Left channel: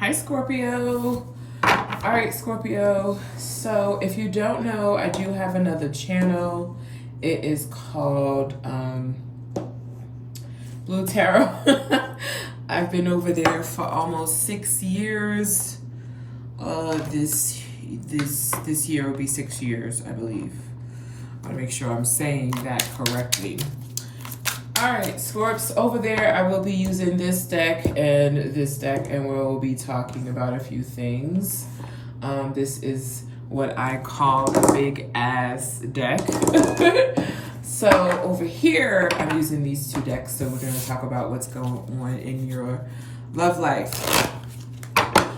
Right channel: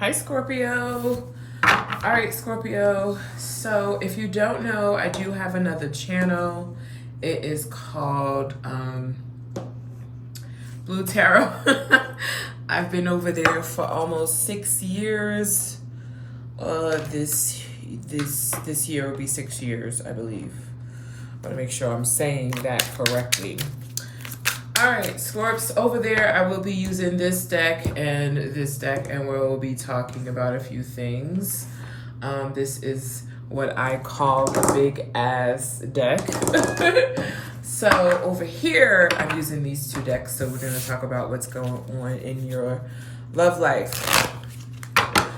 Hi, Scorpio. All right, Scorpio. So if you don't know, I do have another channel. It is called Blue Tarot. I've been over there for almost 6 years. This year will be 6 years, I believe. I want to make sure I'm saying that correctly. All right, Scorps, over there, I will be using this deck, and we'll be talking about a few things. This is what I call the big ass deck. So over here, I'm using these two decks, so we're going to talk about what's going on in your love life.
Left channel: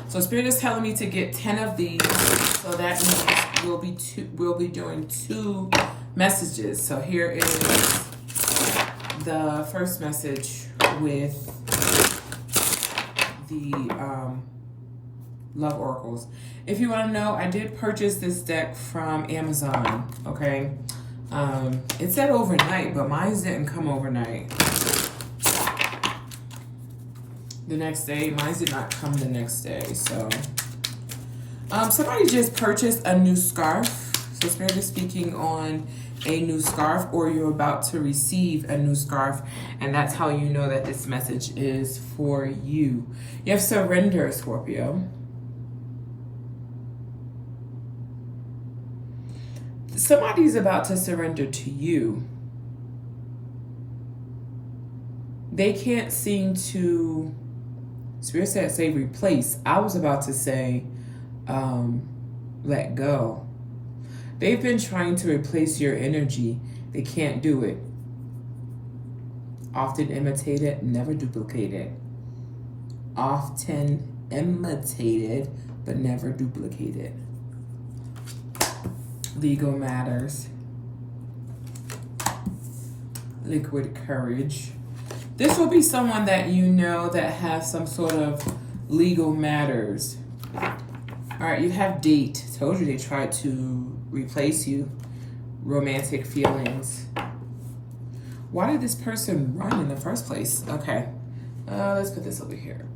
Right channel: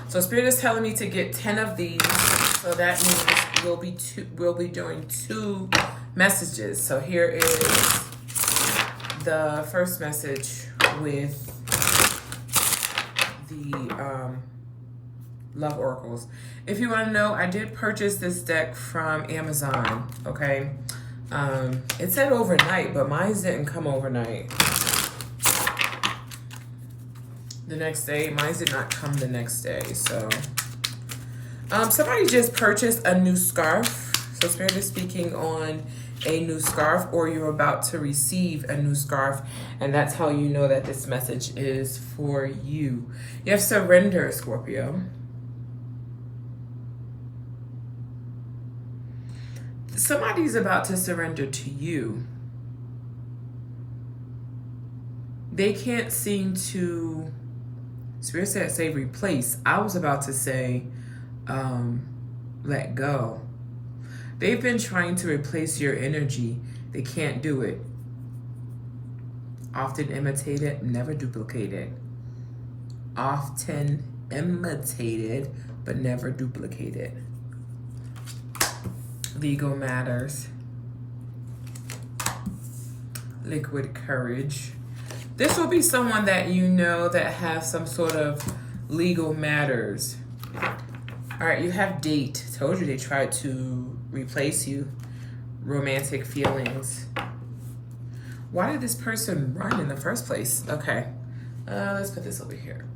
So Spirit is telling me to get 10 of these, so that means we'll be doing 2 messages. So here is the first message with the love oracles. If you want to know, I did purchase this deck from Amazon. Okay, it said overnight, but mine didn't come overnight. The next day, mine did not come the next day. So somebody just purchased a new scarf. So Spirit is speaking on a new scarf, or you're about to receive a new scarf, and that's how you know that this message is for you. You have surrender, Scorpio. Somebody's about to surrender to you. They can't seem to, Spirit said say replace. I was about to say let go. They've been trying to replace your energy. They can't do it. Often imitated, never duplicated. Often imitated, but never duplicated. Legal matters. Liquid courage. This will be someone that you know that has some sort of legal matters. All right, you have date. Told you they tried to replace you. Romantic feelings. Why did this person run in the first place? Okay, let's put this over here.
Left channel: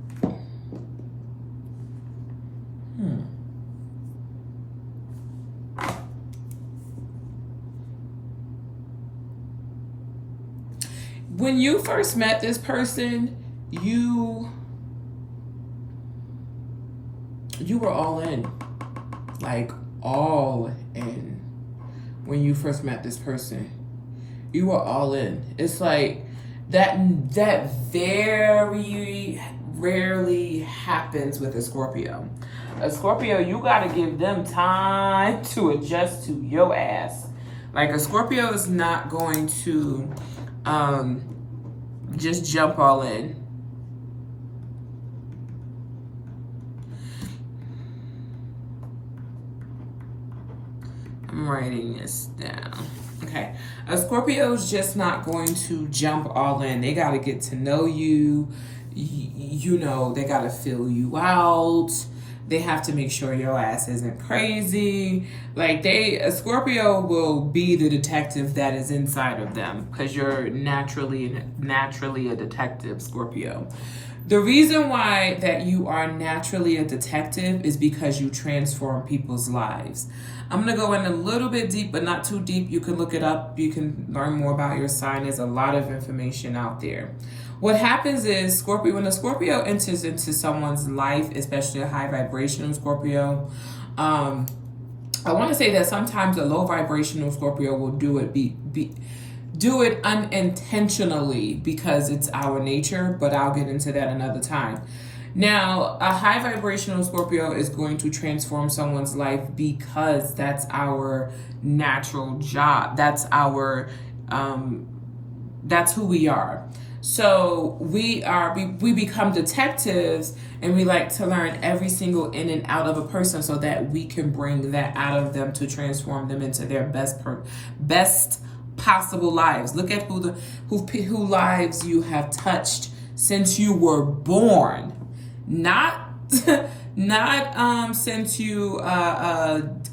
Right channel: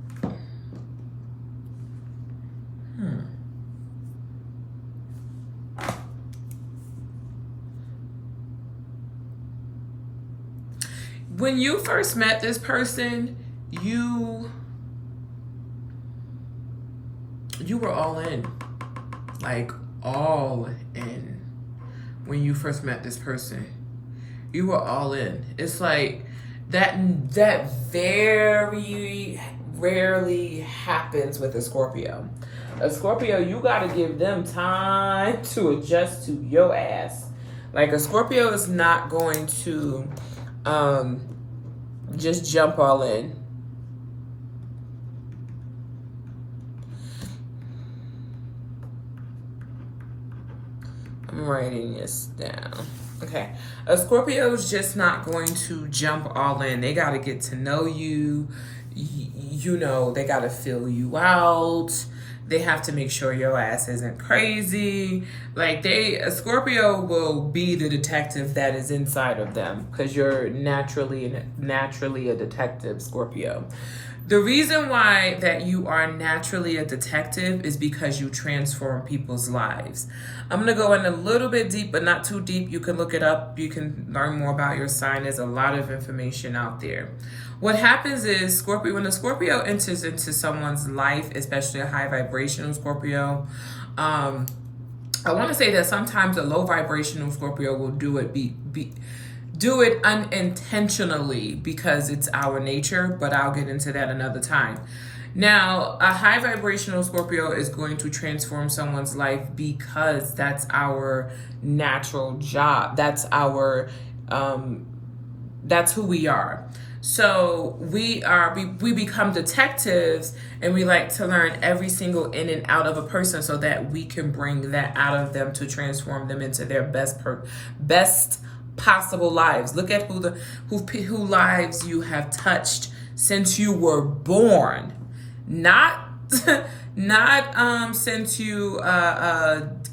When you first met this person, you were all in. Like, all in. When you first met this person, you were all in. It's like that very rarely happens with a Scorpio. A Scorpio, you gotta give them time to adjust to your ass. Like, a Scorpio is not going to just jump all in. I'm writing this down. Okay. A Scorpio is just not going to jump all in. They got to get to know you. You know, they got to fill you out. They have to make sure your ass isn't crazy. Like, a Scorpio will be the detective that is inside of them, because you're naturally a detective, Scorpio. The reason why that you are naturally a detective is because you transform people's lives. I'm going to go in a little bit deep, but not too deep. You can look it up. You can learn more about your sign. There's a lot of information out there. What happens is, Scorpio, when a Scorpio enters into someone's life, especially a high vibrational Scorpio, I want to say that sometimes a low vibrational Scorpio will do it do it unintentionally because it's our nature, but I'll get into that another time. Now, a high vibrational Scorpio is going to transform someone's life because that's our natural job. That's who we are. So we become detectives, and we like to learn every single in and out of a person so that we can bring that out of them to transform them into their best possible lives. Look at who lives you have touched since you were born. Not since you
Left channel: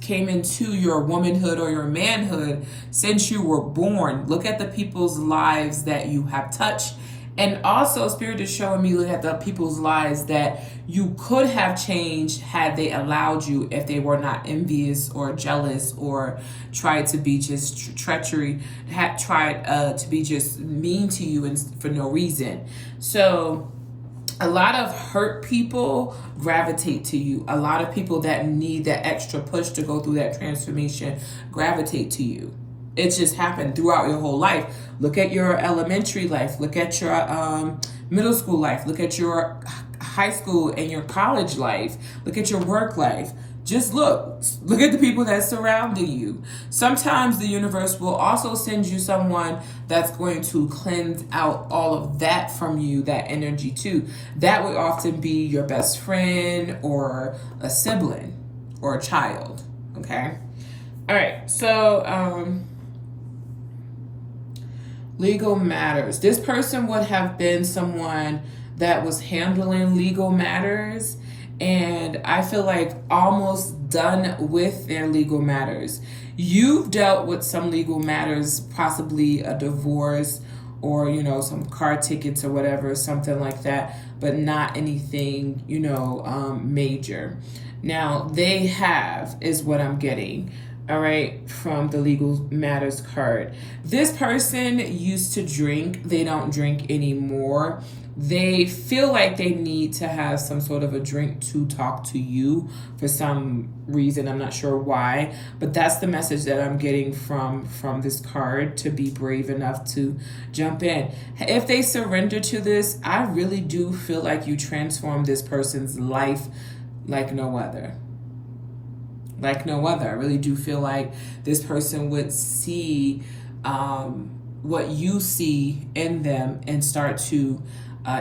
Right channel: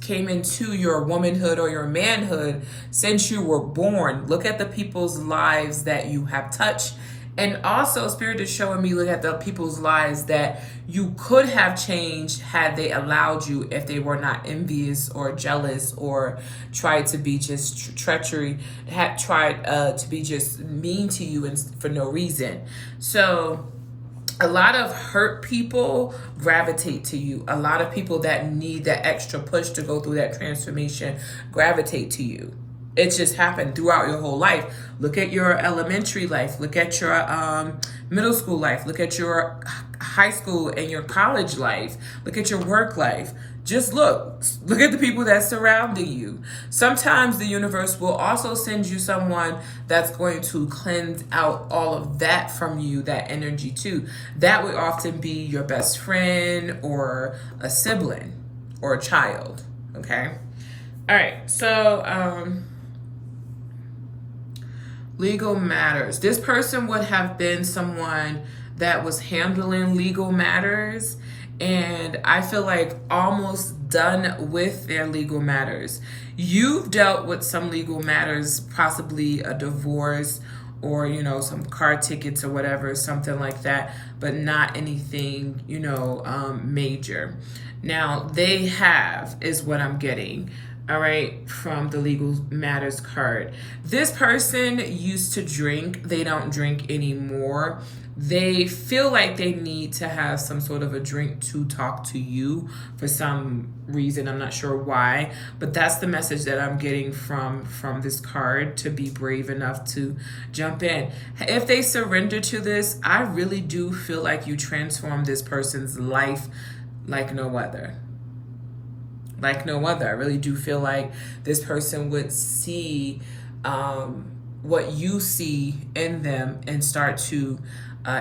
came into your womanhood or your manhood, since you were born. Look at the people's lives that you have touched And also, Spirit is showing me, look at the people's lives that you could have changed had they allowed you, if they were not envious or jealous or tried to be just treachery, had tried to be just mean to you and for no reason. So a lot of hurt people gravitate to you. A lot of people that need that extra push to go through that transformation gravitate to you. It just happened throughout your whole life. Look at your elementary life. Look at your middle school life. Look at your high school and your college life. Look at your work life. Just look at the people that's surrounding you. Sometimes the universe will also send you someone that's going to cleanse out all of that from you, that energy too. That would often be your best friend or a sibling or a child, okay? All right, so legal matters. This person would have been someone that was handling legal matters, and I feel like almost done with their legal matters. You've dealt with some legal matters, possibly a divorce or, you know, some car tickets or whatever, something like that, but not anything, you know, major. Now, they have, is what I'm getting. All right, from the legal matters card. This person used to drink. They don't drink anymore. They feel like they need to have some sort of a drink to talk to you for some reason. I'm not sure why, but that's the message that I'm getting from this card, to be brave enough to jump in. If they surrender to this, I really do feel like you transform this person's life like no other. Like no other. I really do feel like this person would see what you see in them and start to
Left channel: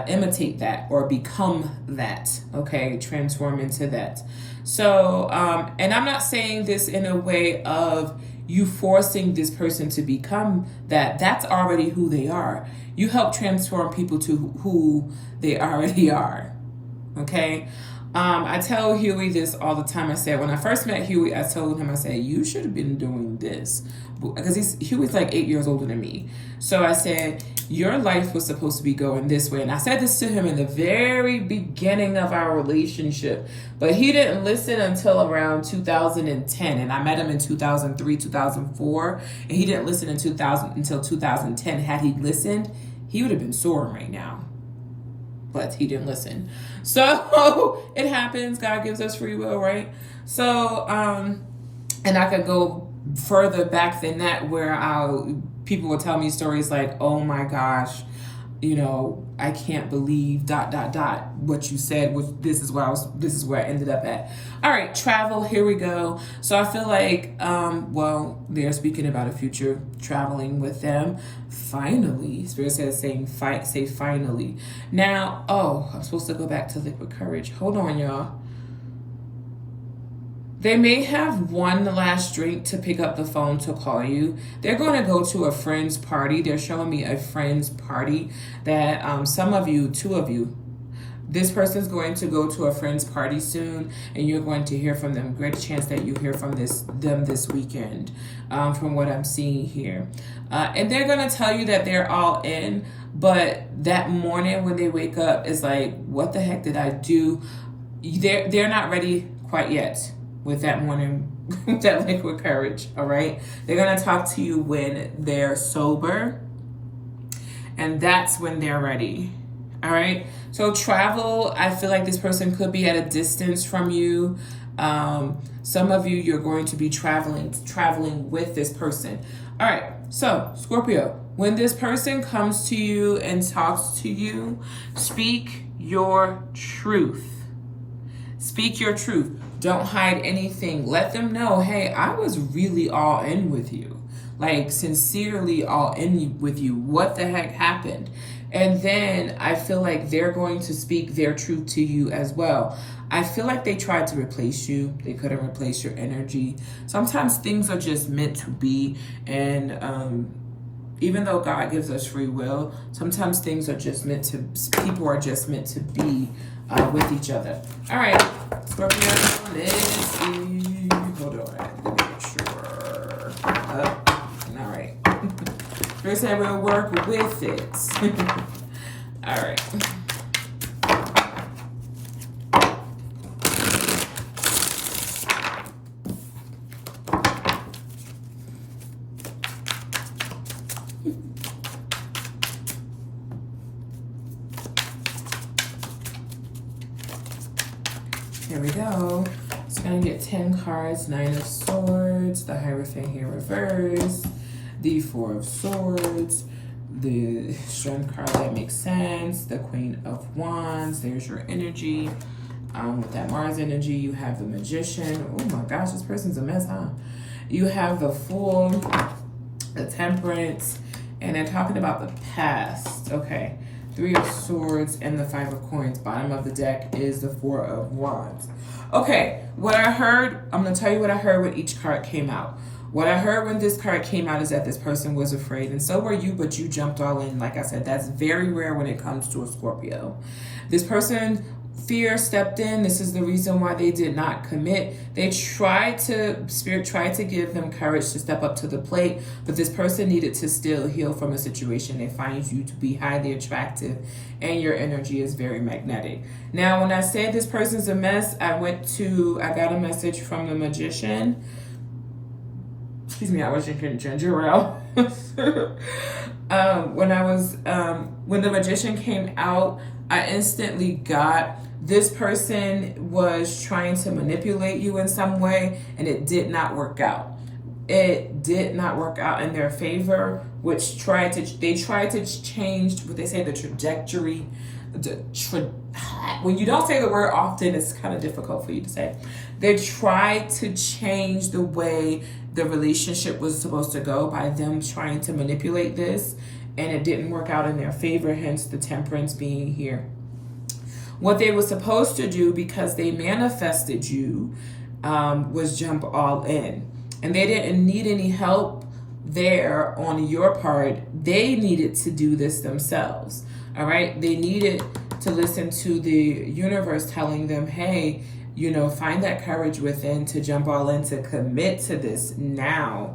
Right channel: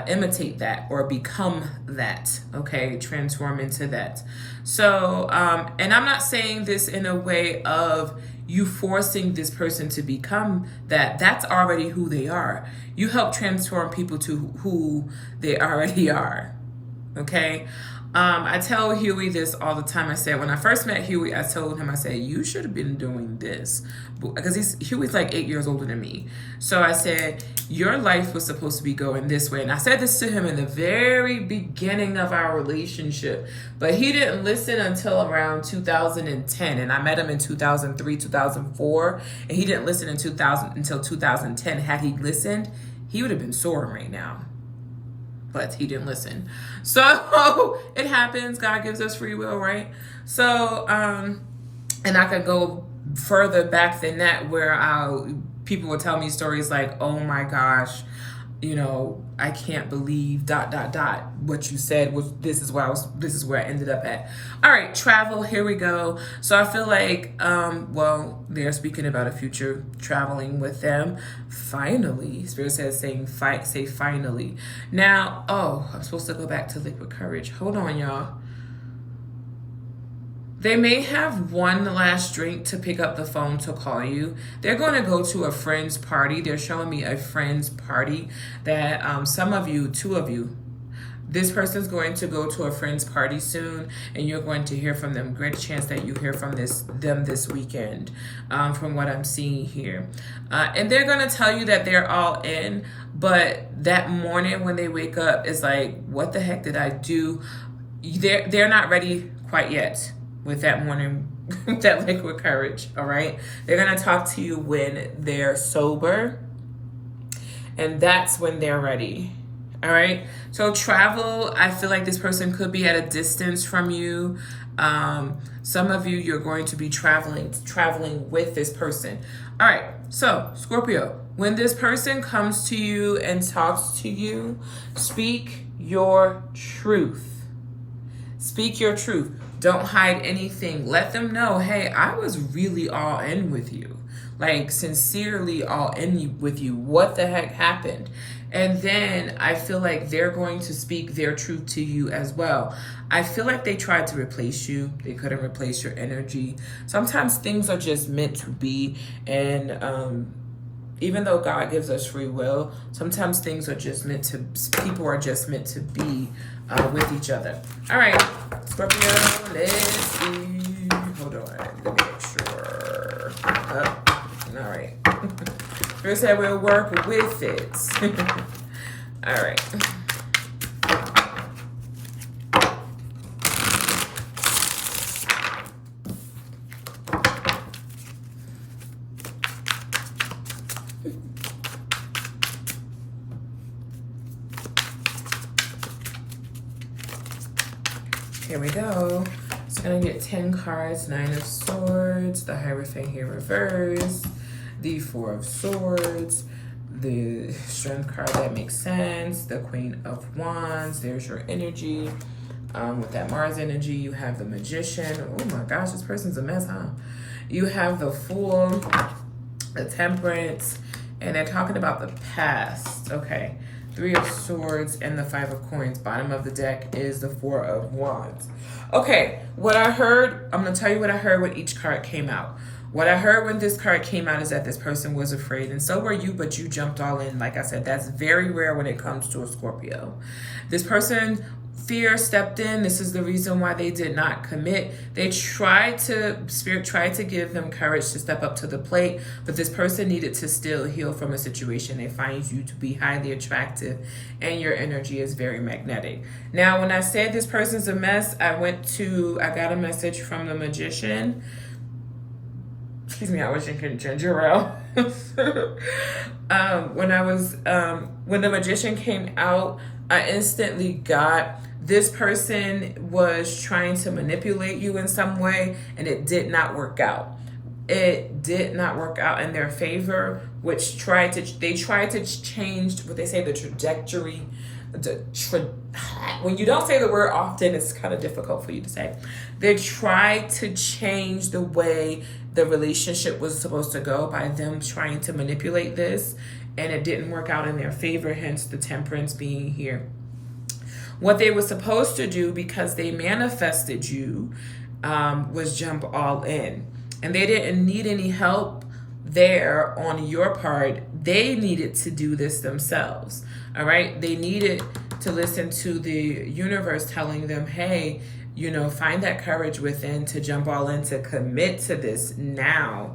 imitate that or become that, okay? Transform into that. So, and I'm not saying this in a way of you forcing this person to become that. That's already who they are. You help transform people to who they already are, okay? I tell Huey this all the time. I said, when I first met Huey, I told him, I said, you should have been doing this. Because Huey's like 8 years older than me. So I said, your life was supposed to be going this way. And I said this to him in the very beginning of our relationship. But he didn't listen until around 2010. And I met him in 2003, 2004. And he didn't listen until 2010. Had he listened, he would have been soaring right now. But he didn't listen. So it happens. God gives us free will, right? So, and I could go further back than that, where people would tell me stories like, oh my gosh, you know, I can't believe ... what you said was, this is where I ended up at. All right, travel, here we go. So I feel like, well, they're speaking about a future traveling with them. Finally, Spirit says say finally. Now, oh, I'm supposed to go back to liquid courage. Hold on, y'all. They may have one last drink to pick up the phone to call you. They're going to go to a friend's party. They're showing me a friend's party that some of you, two of you, this person's going to go to a friend's party soon, and you're going to hear from them. Great chance that you hear from them this weekend, from what I'm seeing here. And they're going to tell you that they're all in, but that morning when they wake up, is like, what the heck did I do? They're not ready quite yet with that morning, that liquid courage, all right? They're going to talk to you when they're sober, and that's when they're ready, all right? So travel, I feel like this person could be at a distance from you. Some of you, you're going to be traveling with this person. All right, so Scorpio, when this person comes to you and talks to you, speak your truth. Speak your truth. Don't hide anything. Let them know, hey, I was really all in with you. Like, sincerely all in with you. What the heck happened? And then I feel like they're going to speak their truth to you as well. I feel like they tried to replace you. They couldn't replace your energy. Sometimes things are just meant to be. And even though God gives us free will, sometimes things are just meant to, people are just meant to be with each other. All right, Scorpio, let's see. Hold on, let me make sure. All right. First, I will work with it. All right. Here we go. It's gonna get 10 cards. 9 of Swords, the Hierophant here reversed, the 4 of Swords, the Strength card that makes sense, the Queen of Wands. There's your energy. With that Mars energy, you have the Magician. Oh my gosh, this person's a mess, huh? You have the Fool, the Temperance, and they're talking about the past. Okay. 3 of Swords and the 5 of Coins. Bottom of the deck is the 4 of Wands. Okay, what I heard, I'm going to tell you what I heard when each card came out. What I heard when this card came out is that this person was afraid, and so were you, but you jumped all in. Like I said, that's very rare when it comes to a Scorpio. This person, fear stepped in. This is the reason why they did not commit. Spirit tried to give them courage to step up to the plate, but this person needed to still heal from a situation. They find you to be highly attractive, and your energy is very magnetic. Now, when I said this person's a mess, I got a message from the Magician. Excuse me, I was drinking ginger ale. When the Magician came out, I instantly got, this person was trying to manipulate you in some way, and it did not work out. It did not work out in their favor, which they tried to change what they say, the trajectory. When you don't say the word often, it's kind of difficult for you to say. They tried to change the way the relationship was supposed to go by them trying to manipulate this, and it didn't work out in their favor, hence the Temperance being here. What they were supposed to do, because they manifested you, was jump all in. And they didn't need any help there on your part. They needed to do this themselves. All right? They needed to listen to the universe telling them, hey, find that courage within to jump all in, to commit to this now.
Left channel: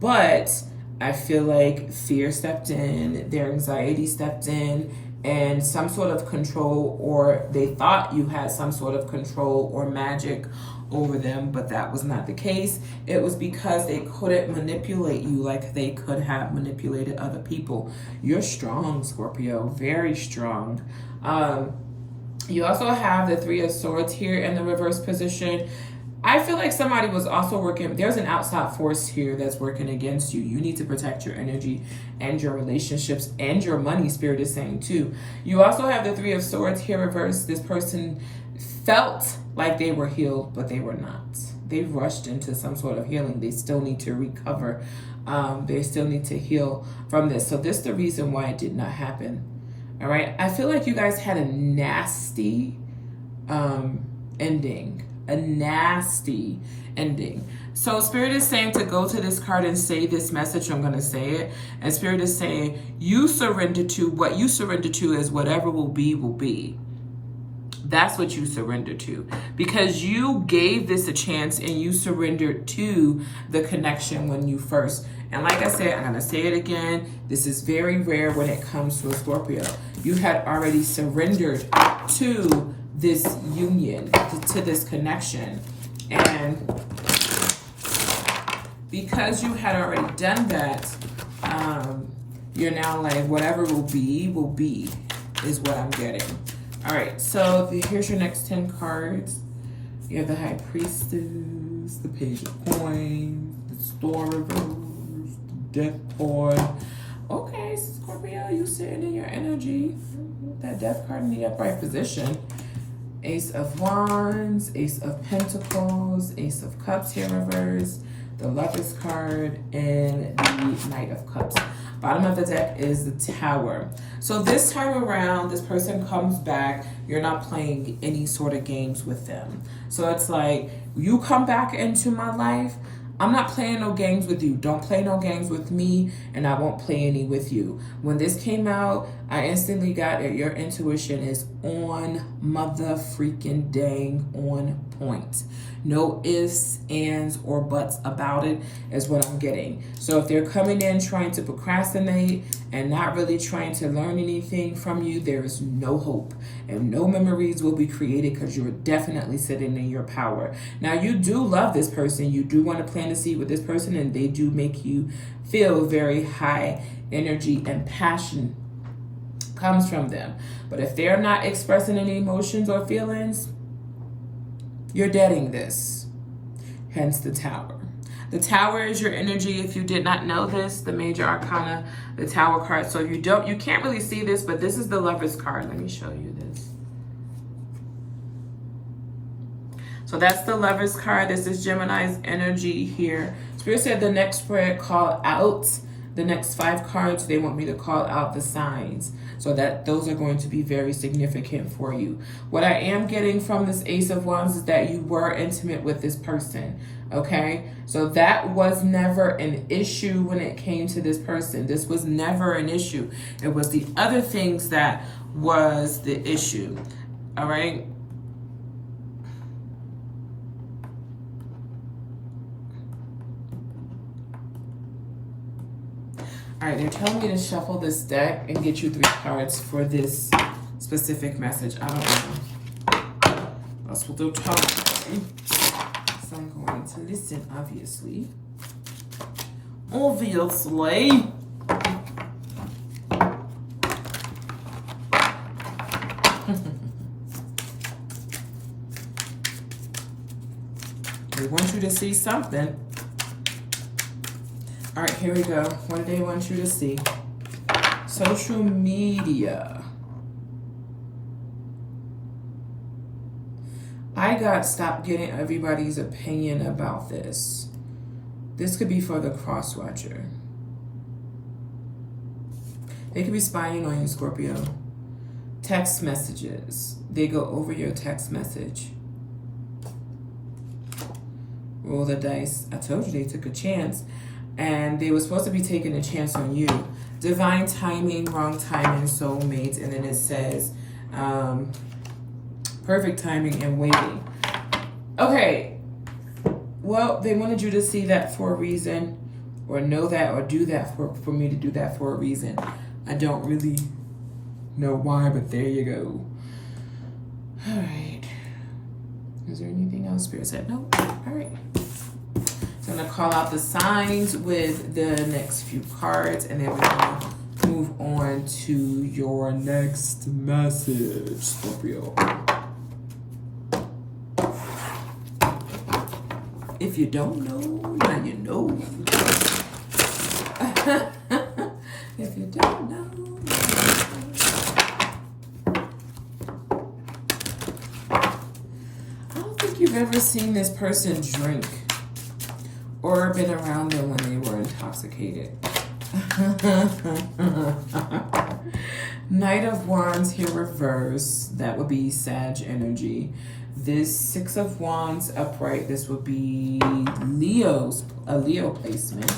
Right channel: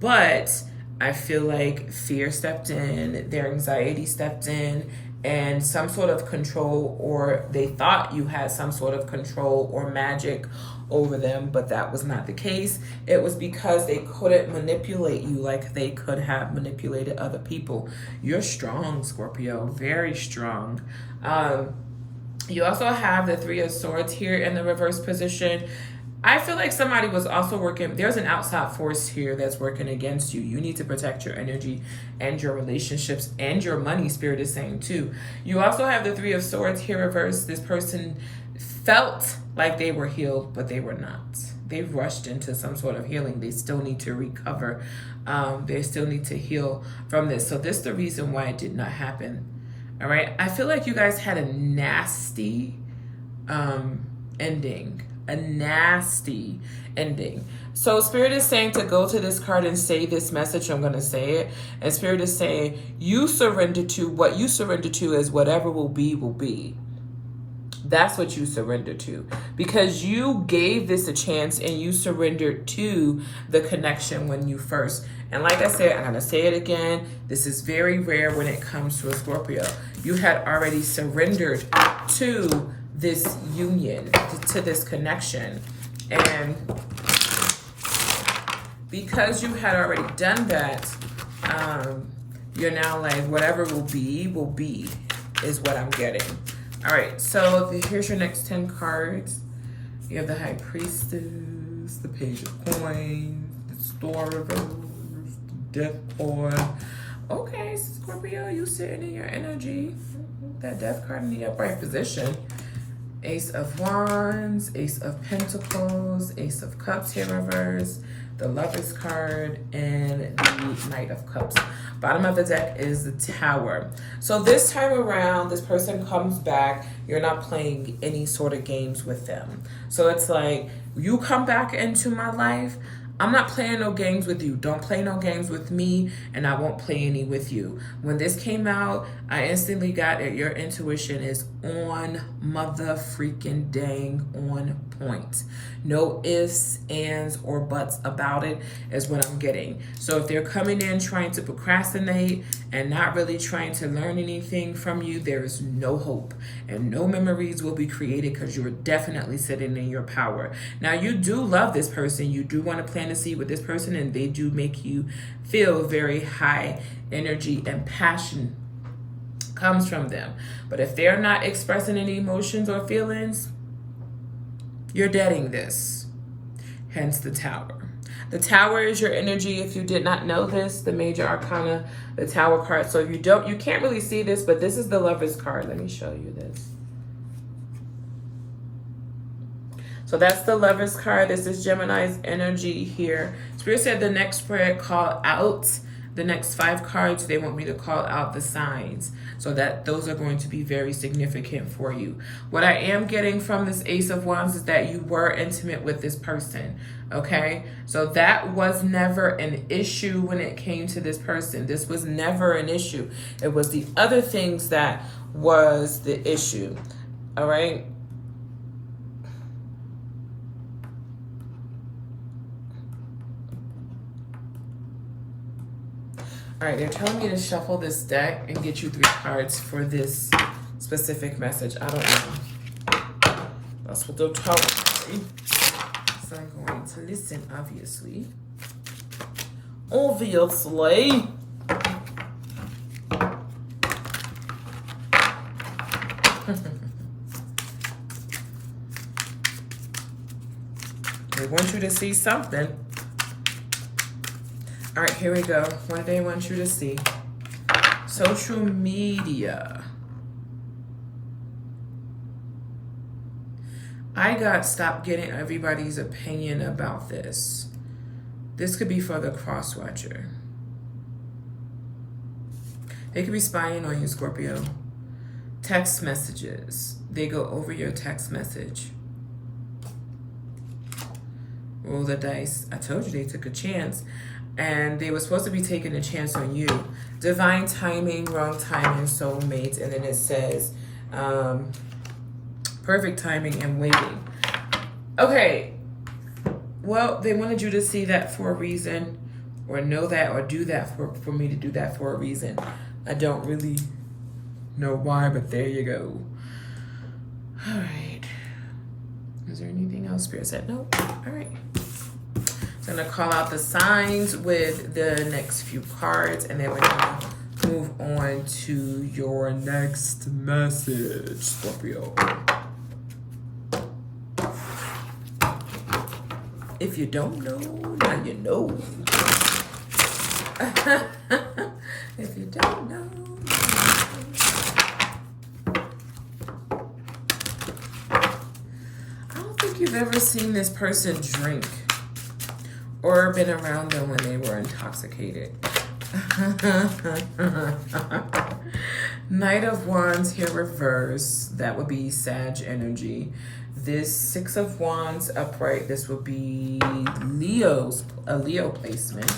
But I feel like fear stepped in, their anxiety stepped in, and some sort of control, or they thought you had some sort of control or magic over them, but that was not the case. It was because they couldn't manipulate you like they could have manipulated other people. You're strong, Scorpio, very strong. You also have the 3 of Swords here in the reverse position. I feel like somebody was also working, there's an outside force here that's working against you. You need to protect your energy and your relationships and your money, Spirit is saying too. You also have the 3 of Swords here reversed. This person felt like they were healed, but they were not. They rushed into some sort of healing. They still need to recover. They still need to heal from this. So this is the reason why it did not happen. All right. I feel like you guys had a nasty ending. A nasty ending. So Spirit is saying to go to this card and say this message. I'm going to say it. And Spirit is saying you surrender to, what you surrender to is whatever will be, will be. That's what you surrender to, because you gave this a chance and you surrendered to the connection when you first. And like I said, I'm going to say it again. This is very rare when it comes to a Scorpio. You had already surrendered to this union, to this connection. And because you had already done that, you're now like, whatever will be, is what I'm getting. All right, so here's your next 10 cards. You have the High Priestess, the Page of Coins, the Store Reverse, the Death Card. Okay, Scorpio, you sitting in your energy. That Death card in the upright position. Ace of Wands, Ace of Pentacles, Ace of Cups here reverse, the Lovers card, and the Knight of Cups. Bottom of the deck is the Tower. So this time around, this person comes back. You're not playing any sort of games with them. So it's like, you come back into my life, I'm not playing no games with you. Don't play no games with me, and I won't play any with you. When this came out, I instantly got it. Your intuition is on mother freaking dang on point. No ifs, ands, or buts about it is what I'm getting. So if they're coming in trying to procrastinate and not really trying to learn anything from you, there is no hope and no memories will be created because you're definitely sitting in your power. Now, you do love this person. You do want to plant a seed with this person, and they do make you feel very high energy and passion comes from them. But if they're not expressing any emotions or feelings, you're deading this. Hence the Tower. The Tower is your energy. If you did not know this, the major arcana, the Tower card. So if you don't, you can't really see this, but this is the Lover's card. Let me show you this. So that's the Lover's card. This is Gemini's energy here. Spirit said the next spread, call out the next 5 cards. They want me to call out the signs. So that those are going to be very significant for you. What I am getting from this Ace of Wands is that you were intimate with this person, okay? So that was never an issue when it came to this person. This was never an issue. It was the other things that was the issue, all right? All right, they're telling me to shuffle this deck and get you 3 cards for this specific message. I don't know. That's what they're telling me. So I'm going to listen, obviously. Obviously. They want you to see something. All right, here we go. What do they want you to see? Social media. I got stopped getting everybody's opinion about this. This could be for the cross-watcher. They could be spying on you, Scorpio. Text messages. They go over your text message. Roll the dice. I told you they took a chance. And they were supposed to be taking a chance on you. Divine timing, wrong timing, soulmates. And then it says perfect timing and waiting. Okay. Well, they wanted you to see that for a reason, or know that, or do that for me to do that for a reason. I don't really know why, but there you go. All right. Is there anything else Spirit said? No. All right. I'm going to call out the signs with the next few cards, and then we're going to move on to your next message, Scorpio. If you don't know, now you know. If you don't know, I don't think you've ever seen this person drink or been around them when they were intoxicated. Knight of Wands here reverse. That would be Sag energy. This 6 of Wands upright. This would be a Leo placement.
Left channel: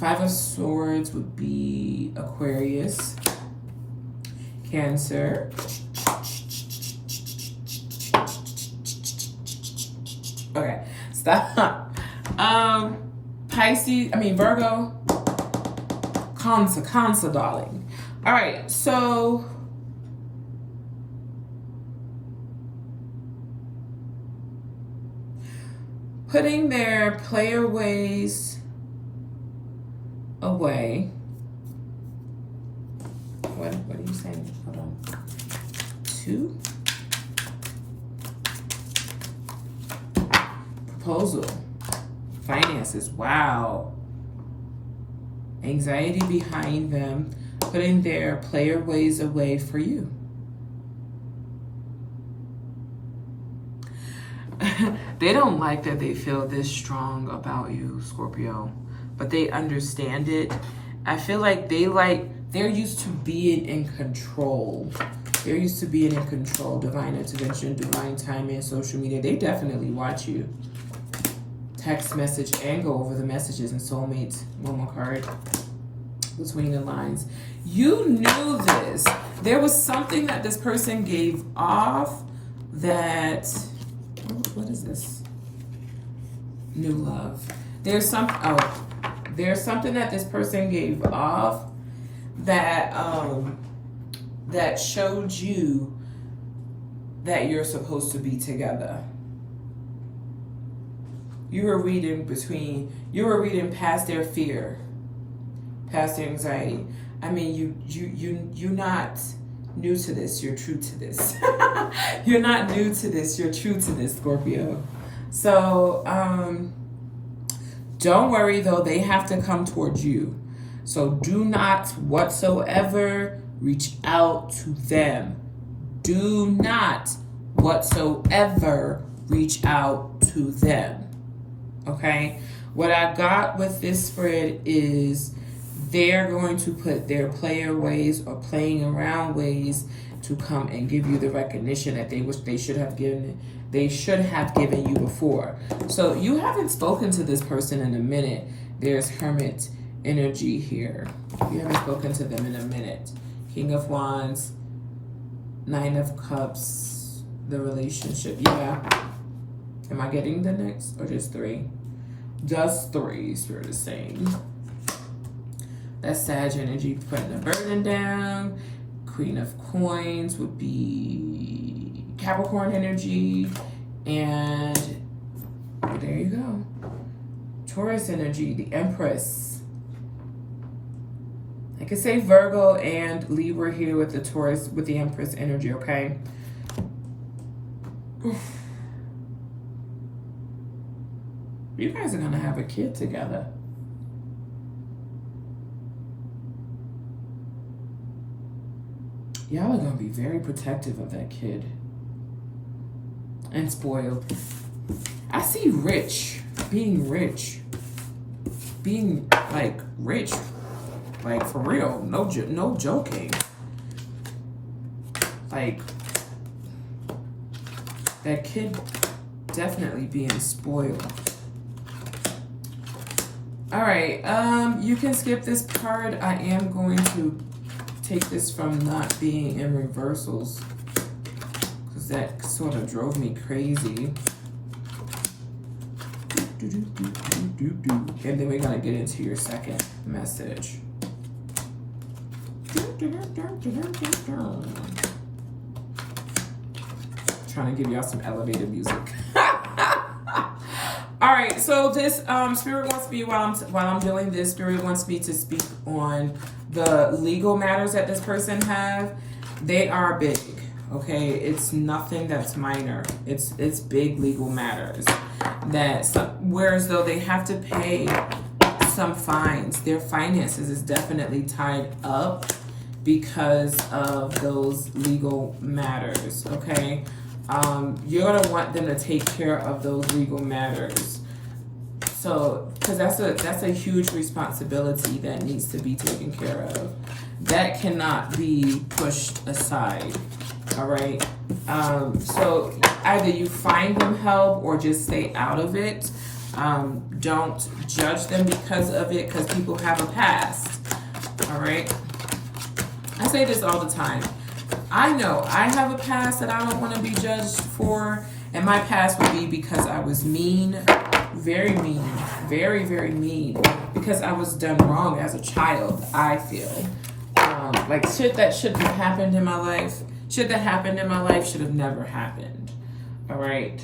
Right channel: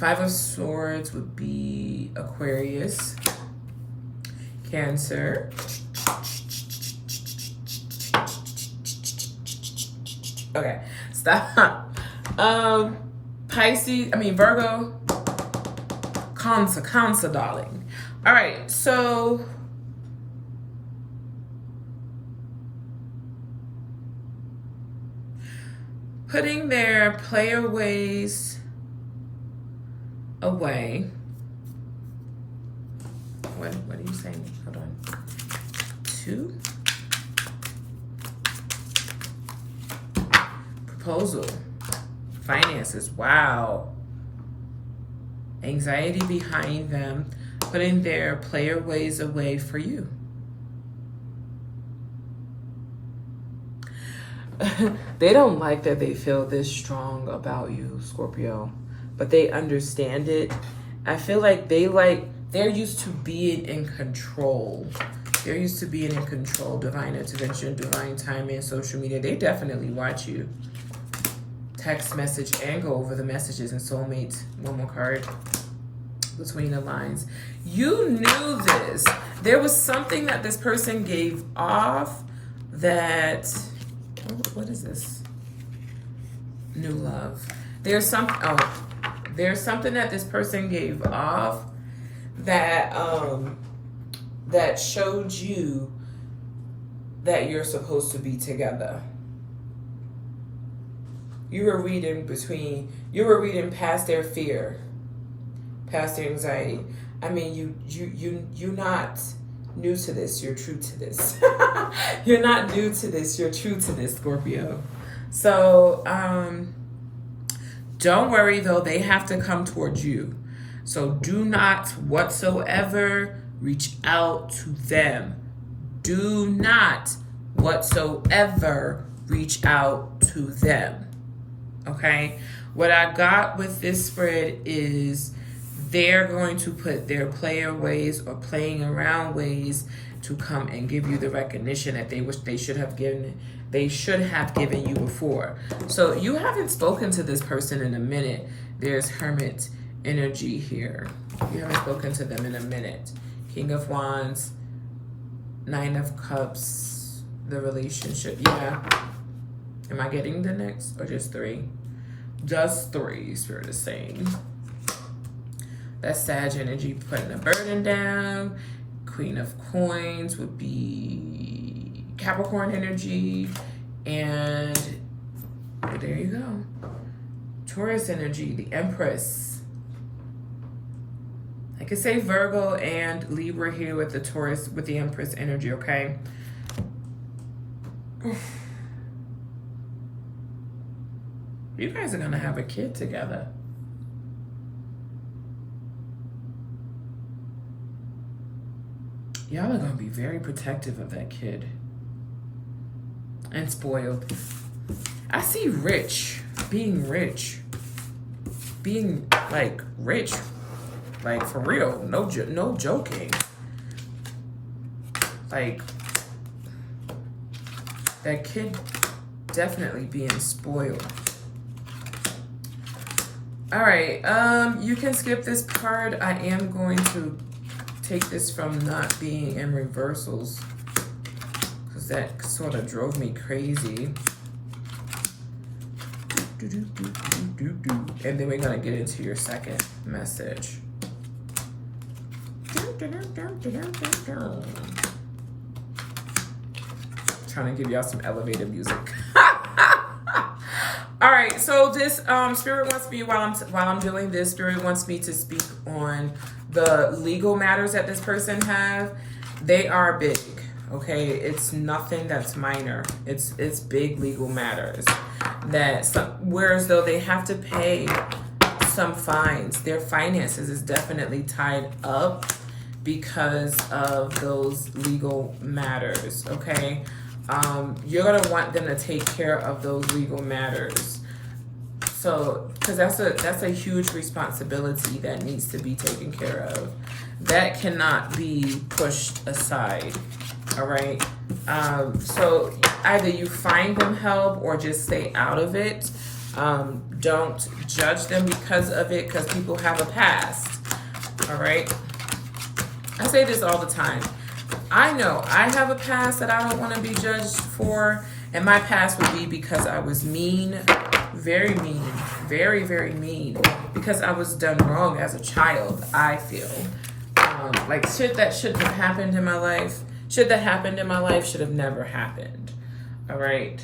5 of Swords would be Aquarius. Cancer. Okay, stop. Virgo, Cancer, darling. All right, so putting their player ways away. What are you saying? Hold on. 2. Proposal. Finances. Wow. Anxiety behind them, putting their player ways away for you. They don't like that they feel this strong about you, Scorpio, but they understand it. I feel like they're used to being in control. They're used to being in control. Divine intervention, divine timing, social media. They definitely watch you. Text message and go over the messages and soulmates. One more card. Between the lines. You knew this. There was something that this person gave off that... What is this? New love. There's something that this person gave off that that showed you that you're supposed to be together. You were reading past their fear, past their anxiety. I mean, you're not new to this, you're true to this. You're not new to this, you're true to this, Scorpio. So, don't worry though, they have to come towards you. So do not whatsoever reach out to them. Do not whatsoever reach out to them. Okay? What I got with this spread is they're going to put their player ways or playing around ways to come and give you the recognition that they should have given you before. So you haven't spoken to this person in a minute. There's Hermit energy here. You haven't spoken to them in a minute. King of Wands, Nine of Cups, the relationship. Yeah. Am I getting the next or just three? Just three, Spirit is saying. That's Sag energy, putting a burden down. Queen of Coins would be Capricorn energy. And there you go. Taurus energy, the Empress. I could say Virgo and Libra here with the Taurus, with the Empress energy, okay? You guys are gonna have a kid together. Y'all are gonna be very protective of that kid. And spoiled. I see rich, being like rich, like for real, no joking. Like that kid definitely being spoiled. All right, you can skip this part. I am going to take this from not being in reversals because that sort of drove me crazy. And then we're gonna get into your second message. Trying to give y'all some elevated music. All right, so this Spirit wants me while I'm doing this. Spirit wants me to speak on the legal matters that this person have. They are big, okay? It's nothing that's minor. It's big legal matters whereas though they have to pay some fines. Their finances is definitely tied up because of those legal matters, okay? You're gonna want them to take care of those legal matters. So, because that's a huge responsibility that needs to be taken care of. That cannot be pushed aside, all right? So either you find them help or just stay out of it. Don't judge them because of it, because people have a past, all right? I say this all the time. I know I have a past that I don't want to be judged for, and my past would be because I was mean, very mean, very, very mean, because I was done wrong as a child, I feel. Like shit that shouldn't have happened in my life, should have never happened, all right?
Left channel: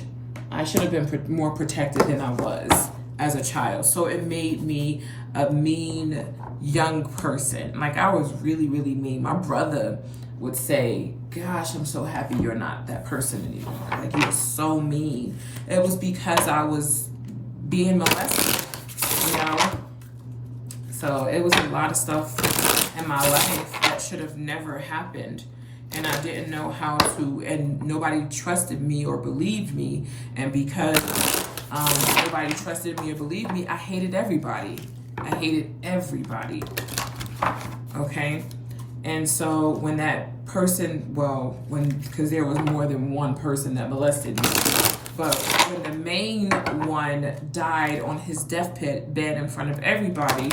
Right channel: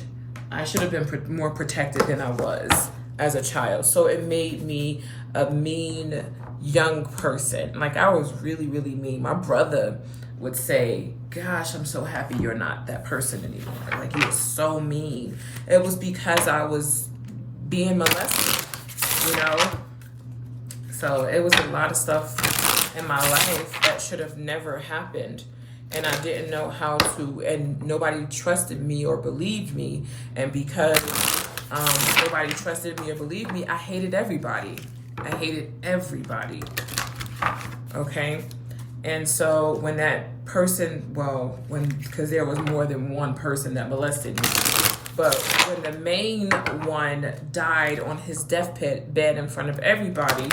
I should have been more protected than I was as a child, so it made me a mean young person. Like I was really, really mean. My brother would say, gosh, I'm so happy you're not that person anymore. Like he was so mean. It was because I was being molested, you know? So it was a lot of stuff in my life that should have never happened. And I didn't know how to, and nobody trusted me or believed me. And because nobody trusted me or believed me, I hated everybody. Okay? And so when that person, because there was more than one person that molested me, but when the main one died on his deathbed in front of everybody,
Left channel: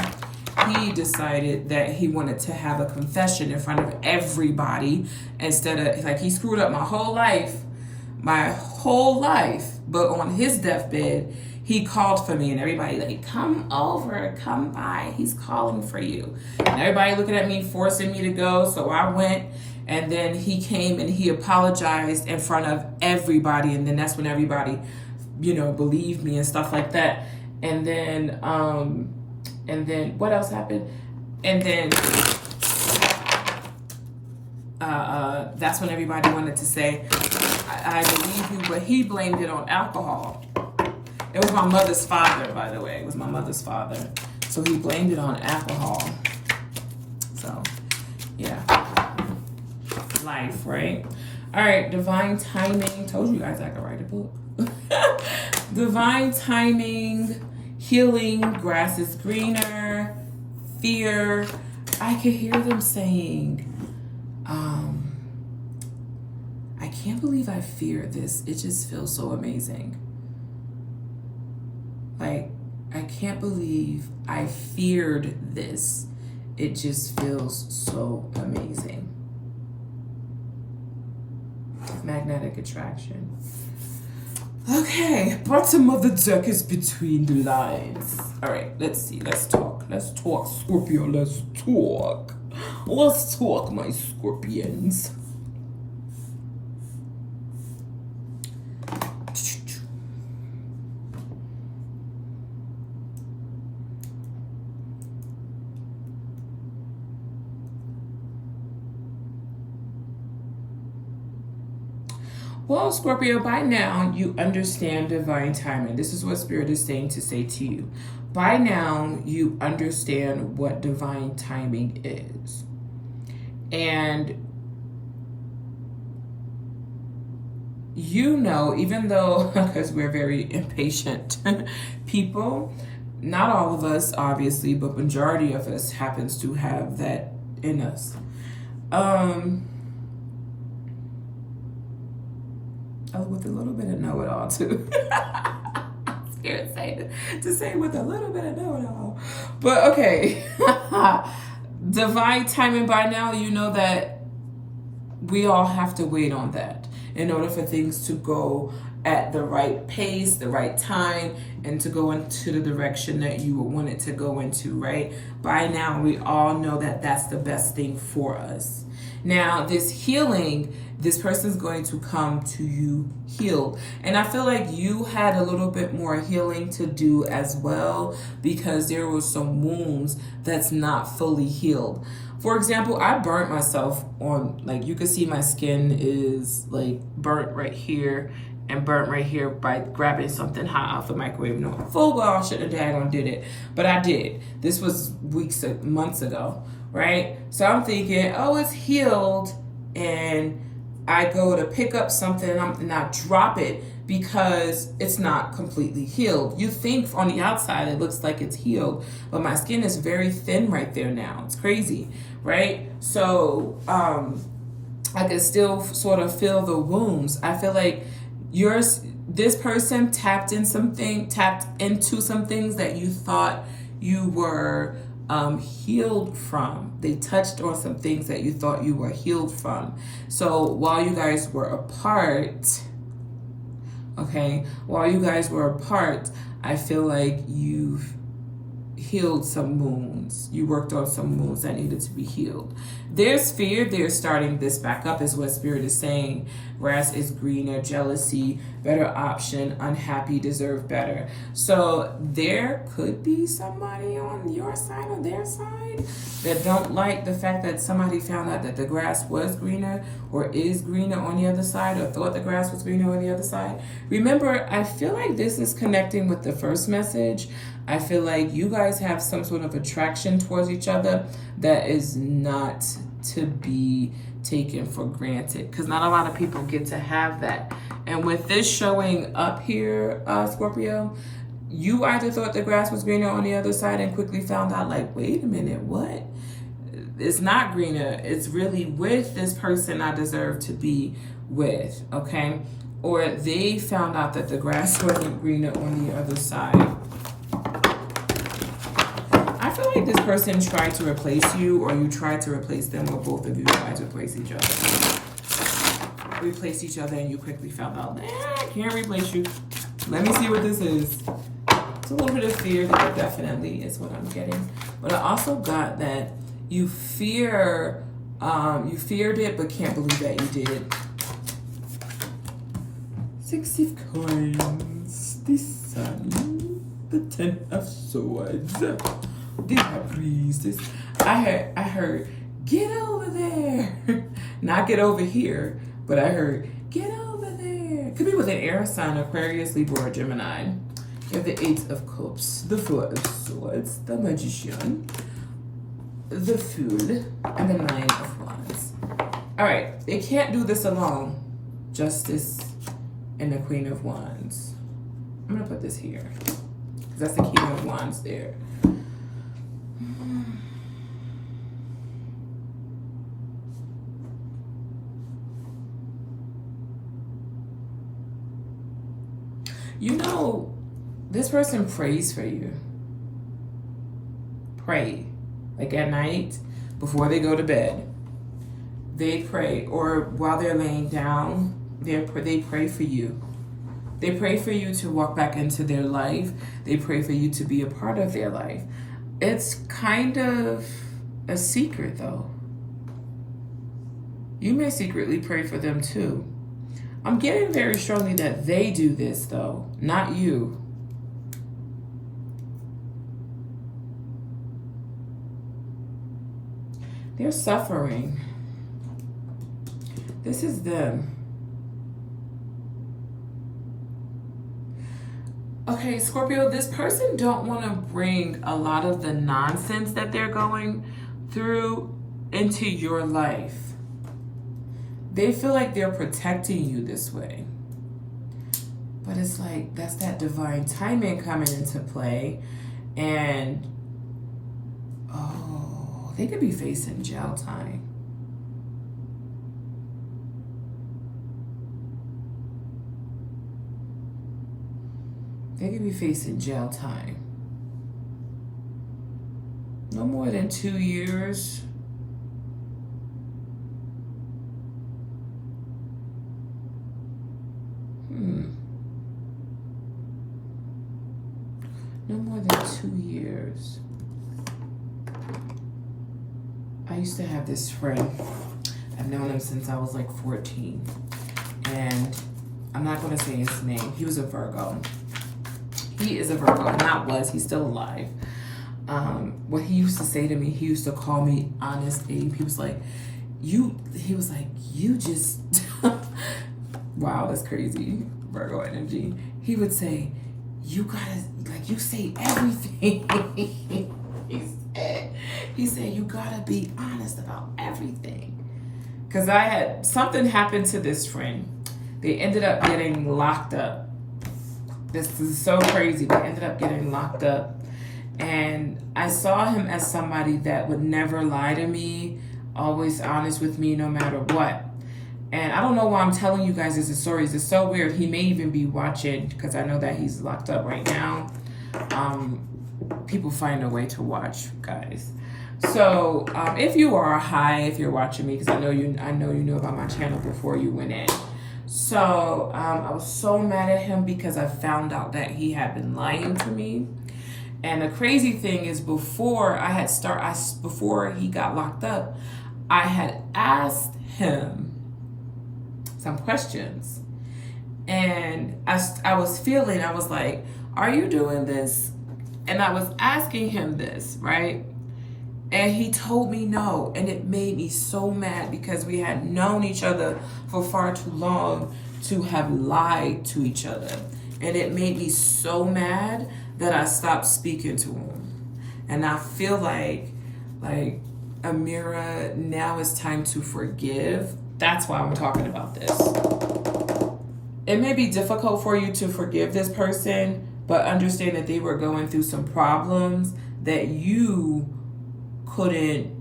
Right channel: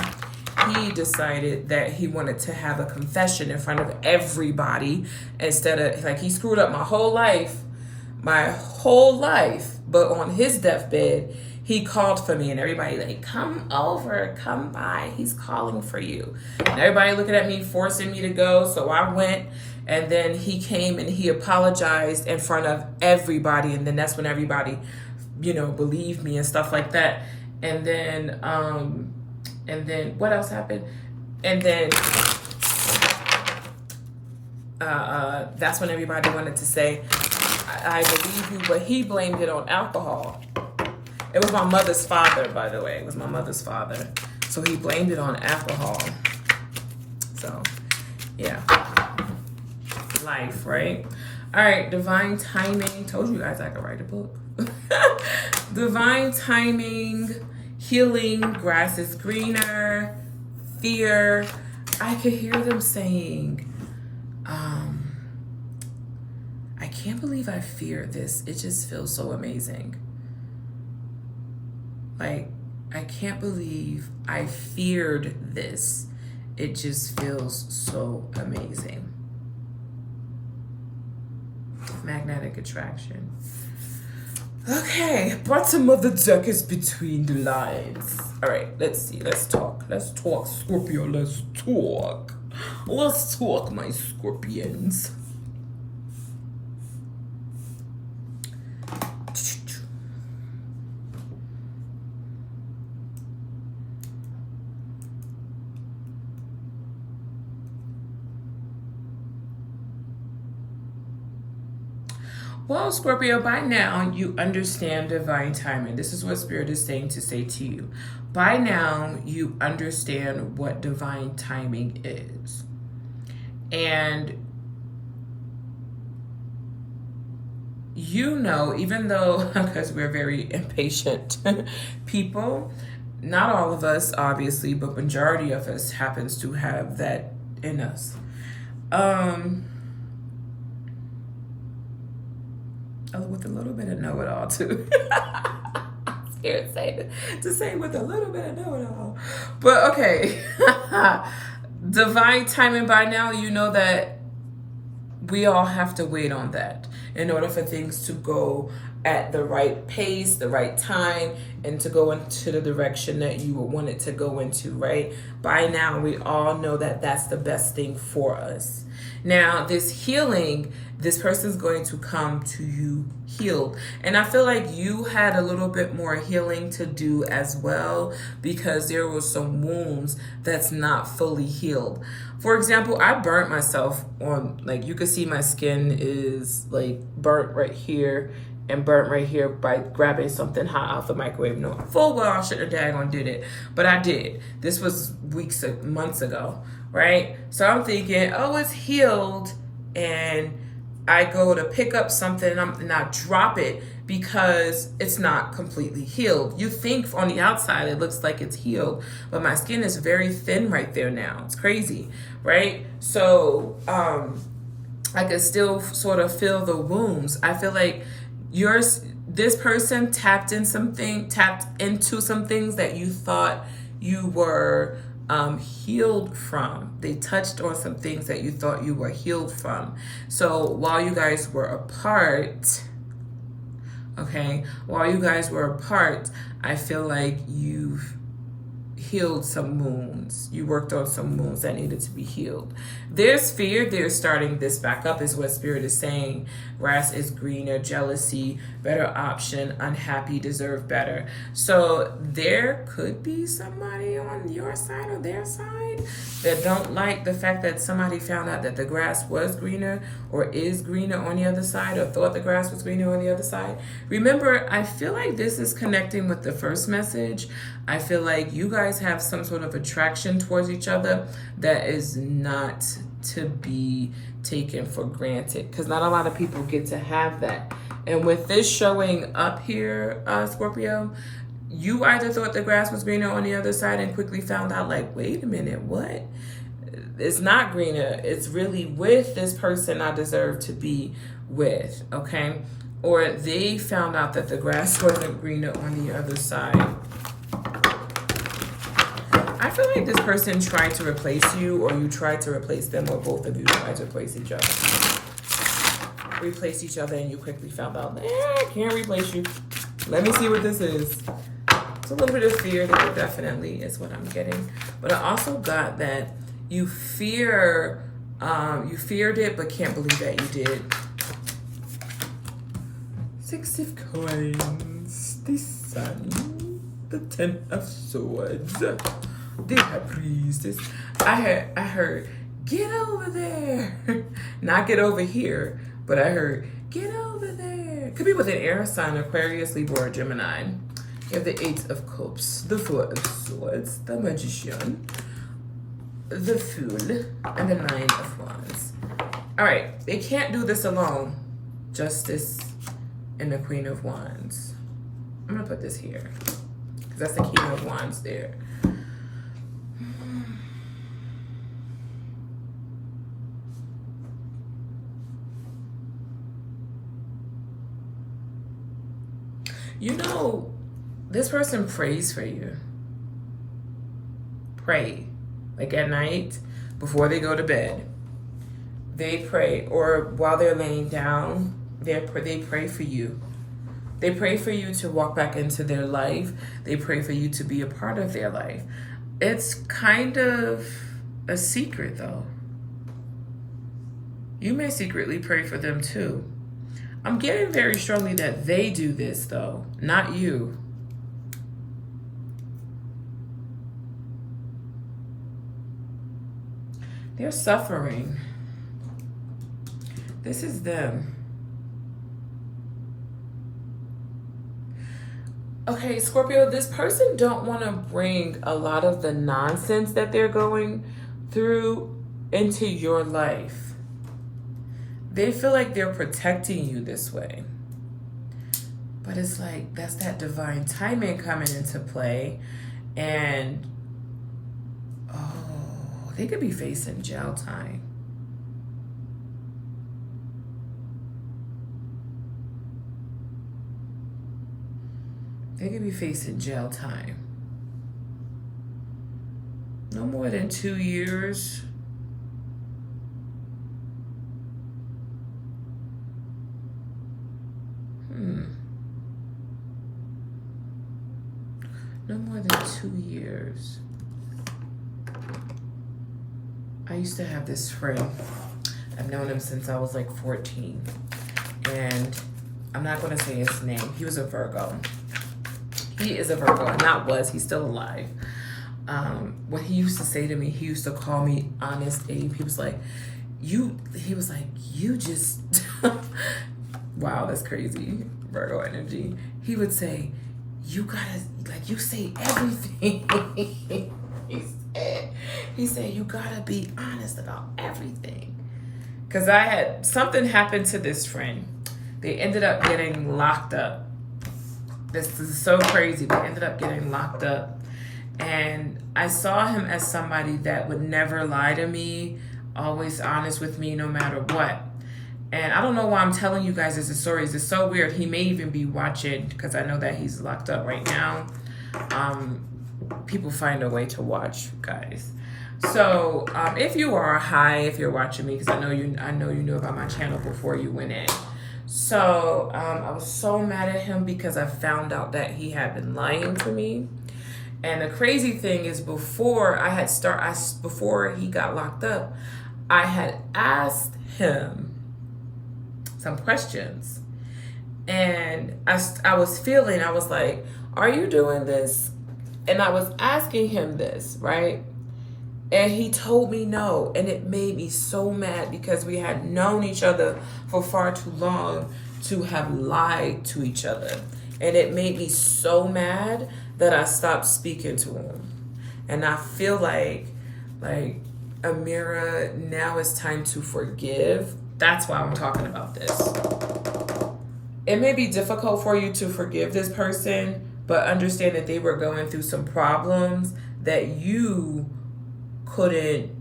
he decided that he wanted to have a confession in front of everybody instead of, like, he screwed up my whole life, but on his deathbed, he called for me, and everybody like, come over, come by. He's calling for you. And everybody looking at me, forcing me to go. So I went, and then he came and he apologized in front of everybody. And then that's when everybody, you know, believed me and stuff like that. And then what else happened? And then that's when everybody wanted to say, I believe you, but he blamed it on alcohol. It was my mother's father, by the way. It was my mother's father. So he blamed it on alcohol. So, yeah. Life, right? All right, divine timing. Told you guys I could write a book. Divine timing, healing, grass is greener, fear. I could hear them saying, I can't believe I fear this. It just feels so amazing. Like, I can't believe I feared this. It just feels so amazing. Magnetic attraction. Okay, bottom of the deck is between the lines. All right, let's see. Let's talk. Let's talk, Scorpio. Let's talk. Let's talk, my Scorpions. Well, Scorpio, by now you understand divine timing. This is what Spirit is saying to say to you. By now you understand what divine timing is. And you know, even though, because we're very impatient people, not all of us, obviously, but majority of us happens to have that in us. With a little bit of know-it-all too. Scared to say with a little bit of know-it-all. But okay. Divine timing, by now you know that we all have to wait on that in order for things to go at the right pace, the right time, and to go into the direction that you would want it to go into, right? By now we all know that that's the best thing for us. Now, this healing, this person's going to come to you healed. And I feel like you had a little bit more healing to do as well, because there were some wounds that's not fully healed. For example, I burnt myself on, like, you can see my skin is like burnt right here and burnt right here by grabbing something hot out the microwave. No, full well I shouldn't have daggone did it, but I did. This was months ago, right? So I'm thinking, oh, it's healed, and I go to pick up something and I drop it because it's not completely healed. You think on the outside it looks like it's healed, but my skin is very thin right there now. It's crazy, right? So I can still sort of feel the wounds. I feel like this person tapped into some things that you thought you were healed from. They touched on some things that you thought you were healed from. So while you guys were apart, I feel like you've healed some wounds. You worked on some wounds that needed to be healed. There's fear. There's starting this back up is what Spirit is saying. Grass is greener, jealousy, better option, unhappy, deserve better. So there could be somebody on your side or their side that don't like the fact that somebody found out that the grass was greener or is greener on the other side, or thought the grass was greener on the other side. Remember, I feel like this is connecting with the first message. I feel like you guys have some sort of attraction towards each other that is not to be taken for granted, because not a lot of people get to have that. And with this showing up here, Scorpio, you either thought the grass was greener on the other side and quickly found out, like, wait a minute, what? It's not greener. It's really with this person I deserve to be with, okay? Or they found out that the grass wasn't greener on the other side. I feel like this person tried to replace you, or you tried to replace them, or both of you tried to replace each other. Replace each other, and you quickly found out, I can't replace you. Let me see what this is. a little bit of fear there definitely is what I'm getting. But I also got that you feared it, but can't believe that you did. 6 of coins, the sun, the 10 of swords, the high priestess. I heard, get over there. Not get over here, but I heard, get over there. Could be with an air sign, Aquarius, Libra, or Gemini. You have the 8 of cups, the 4 of swords, the magician, the fool, and the 9 of wands. All right, they can't do this alone. Justice and the Queen of Wands. I'm gonna put this here because that's the King of Wands there. You know, this person prays for you. Pray. Like at night, before they go to bed. They pray, or while they're laying down, they pray for you. They pray for you to walk back into their life. They pray for you to be a part of their life. It's kind of a secret, though. You may secretly pray for them, too. I'm getting very strongly that they do this, though, not you. They're suffering. This is them. Okay, Scorpio, this person don't want to bring a lot of the nonsense that they're going through into your life. They feel like they're protecting you this way. But it's like, that's that divine timing coming into play. And, oh, they could be facing jail time. They could be facing jail time. No more than 2 years. No more than 2 years. I used to have this friend. I've known him since I was like 14. And I'm not going to say his name. He was a Virgo. He is a Virgo. Not was. He's still alive. What he used to say to me, he used to call me Honest Abe. He was like, you just, wow, that's crazy. Virgo energy. He would say, you gotta, like, you say everything. he said, you gotta be honest about everything. Because something happened to this friend. They ended up getting locked up. This is so crazy. They ended up getting locked up. And I saw him as somebody that would never lie to me, always honest with me no matter what. And I don't know why I'm telling you guys this story. It's so weird. He may even be watching because I know that he's locked up right now. People find a way to watch, guys. So if you are if you're watching me, because I know you knew about my channel before you went in. So I was so mad at him because I found out that he had been lying to me. And the crazy thing is, before he got locked up, I had asked him some questions. And I was like, are you doing this? And I was asking him this, right? And he told me no. And it made me so mad because we had known each other for far too long to have lied to each other. And it made me so mad that I stopped speaking to him. And I feel like Amira, now it's time to forgive. That's why I'm talking about this. It may be difficult for you to forgive this person, but understand that they were going through some problems that you couldn't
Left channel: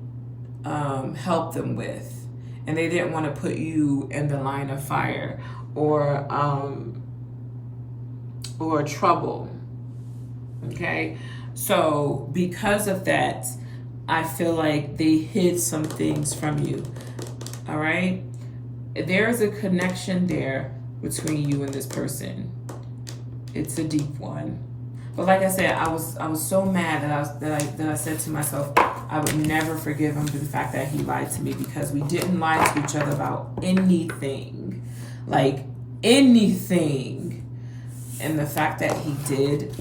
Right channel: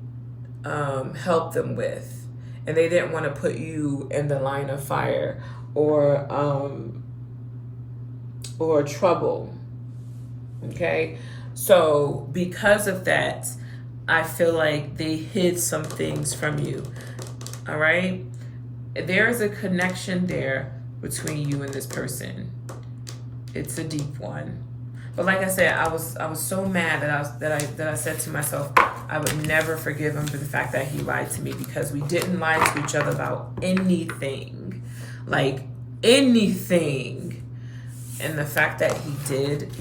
help them with. And they didn't want to put you in the line of fire or trouble. Okay? So because of that, I feel like they hid some things from you. All right? There's a connection there between you and this person. It's a deep one. But like I said, I was so mad that I said to myself, I would never forgive him for the fact that he lied to me, because we didn't lie to each other about anything. Like anything. And the fact that he did,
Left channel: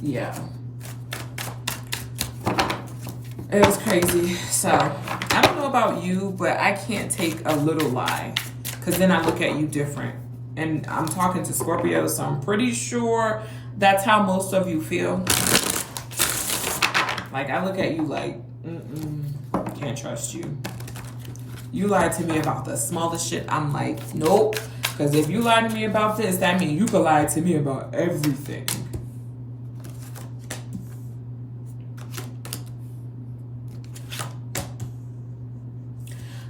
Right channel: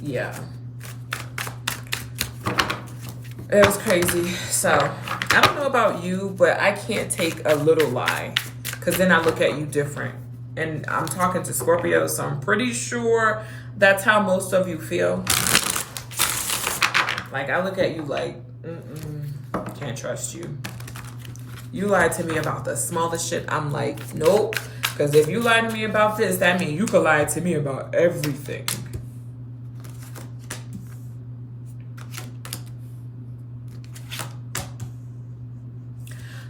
yeah. It was crazy. So, I don't know about you, but I can't take a little lie, because then I look at you different. And I'm talking to Scorpio, so I'm pretty sure that's how most of you feel. Like, I look at you like, can't trust you. You lied to me about the smallest shit. I'm like, nope. Because if you lie to me about this, that means you could lie to me about everything.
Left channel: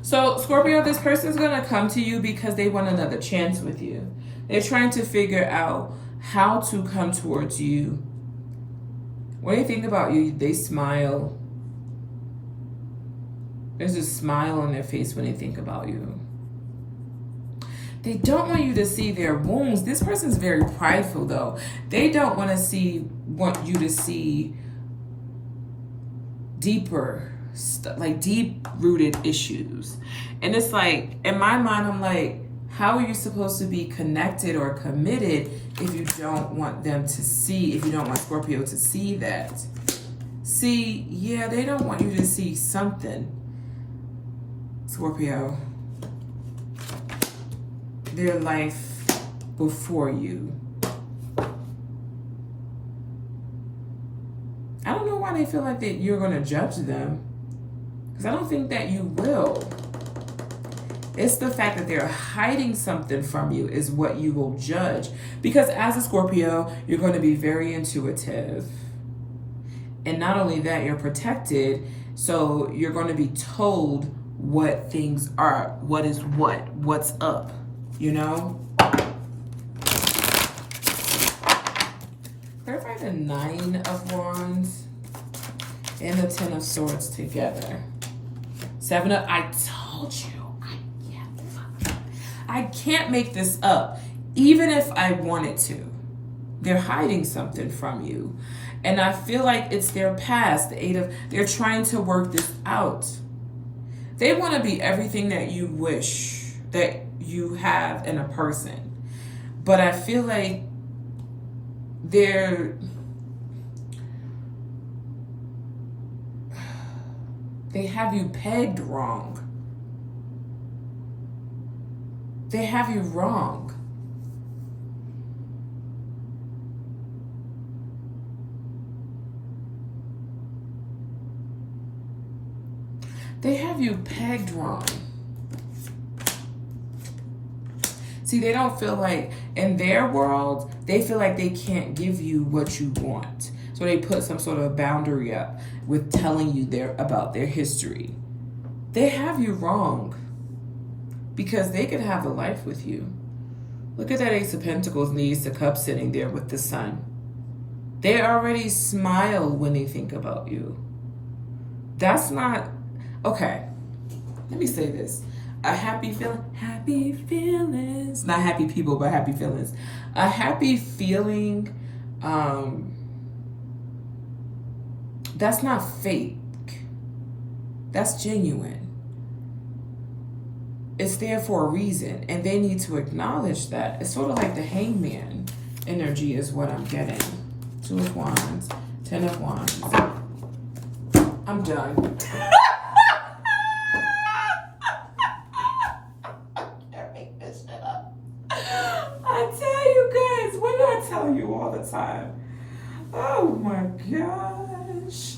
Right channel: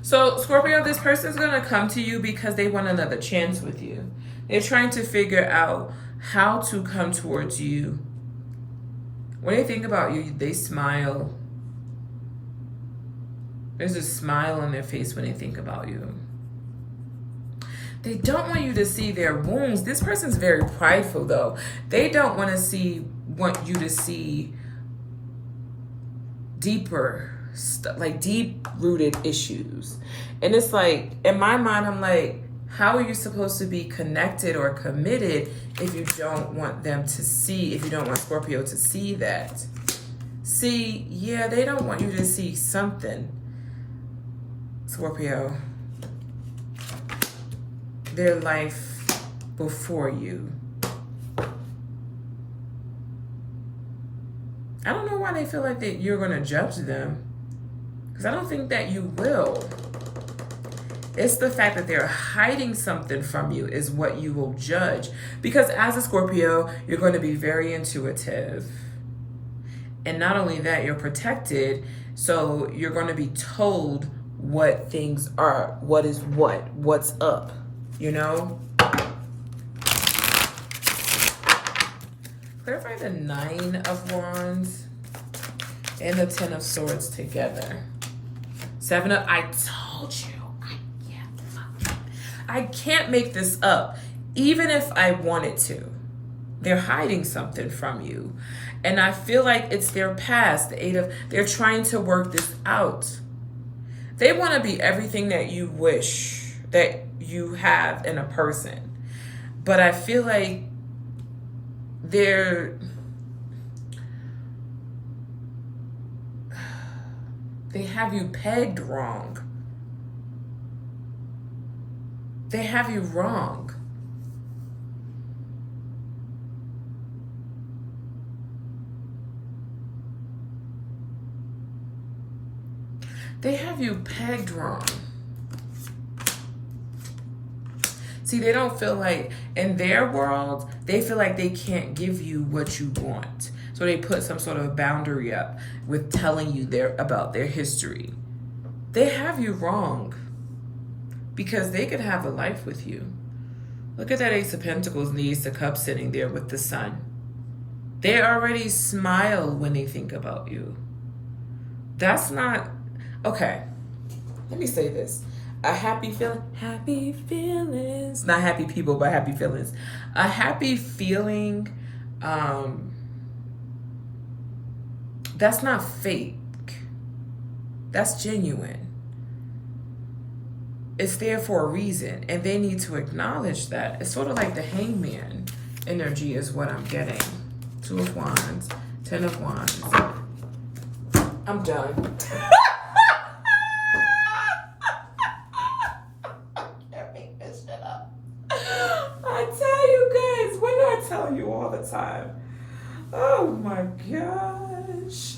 So, Scorpio, this person's going to come to you because they want another chance with you. They're trying to figure out how to come towards you. When they think about you, they smile. There's a smile on their face when they think about you. They don't want you to see their wounds. This person's very prideful, though. They don't want you to see deeper like deep-rooted issues. And it's like, in my mind, I'm like, how are you supposed to be connected or committed if you don't want them to see, if you don't want Scorpio to see that? See, yeah, they don't want you to see something, Scorpio. Their life before you. I don't know why they feel like that you're going to judge them. Because I don't think that you will. It's the fact that they're hiding something from you is what you will judge. Because as a Scorpio, you're going to be very intuitive. And not only that, you're protected. So you're going to be told what things are, what is what's up, you know? Clarify the 9 of Wands and the 10 of Swords together. 7 of, I told you, I can't make this up, even if I wanted to. They're hiding something from you. And I feel like it's their past, the 8 of, they're trying to work this out. They want to be everything that you wish that you have in a person. But I feel like they have you pegged wrong. They have you wrong. They have you pegged wrong. See, they don't feel like, in their world, they feel like they can't give you what you want. So they put some sort of a boundary up with telling you about their history. They have you wrong because they could have a life with you. Look at that Ace of Pentacles and the Ace of Cups sitting there with the Sun. They already smile when they think about you. That's not, okay, let me say this. A happy feelings, not happy people, but happy feelings. A happy feeling, that's not fake. That's genuine. It's there for a reason, and they need to acknowledge that. It's sort of like the Hangman energy is what I'm getting. 2 of Wands, 10 of Wands. I'm done. Tell you all the time. Oh my gosh.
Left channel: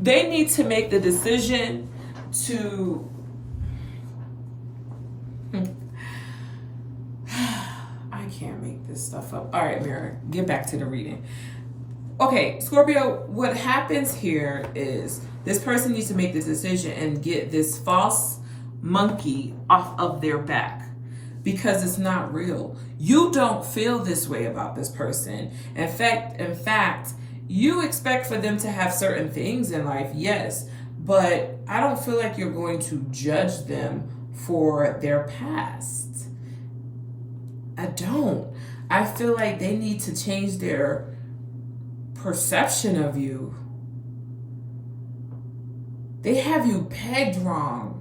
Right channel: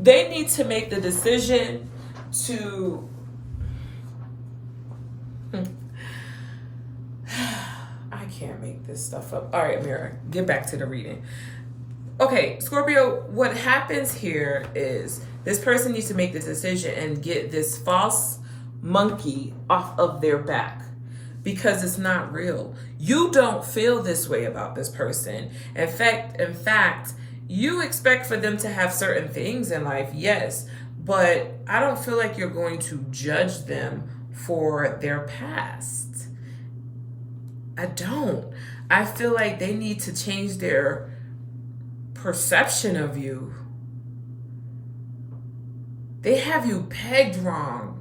They need to make the decision to I can't make this stuff up. All right, Mira, get back to the reading. Okay, Scorpio, what happens here is this person needs to make the decision and get this false monkey off of their back. Because it's not real. You don't feel this way about this person. In fact, you expect for them to have certain things in life, yes, but I don't feel like you're going to judge them for their past. I don't. I feel like they need to change their perception of you. They have you pegged wrong.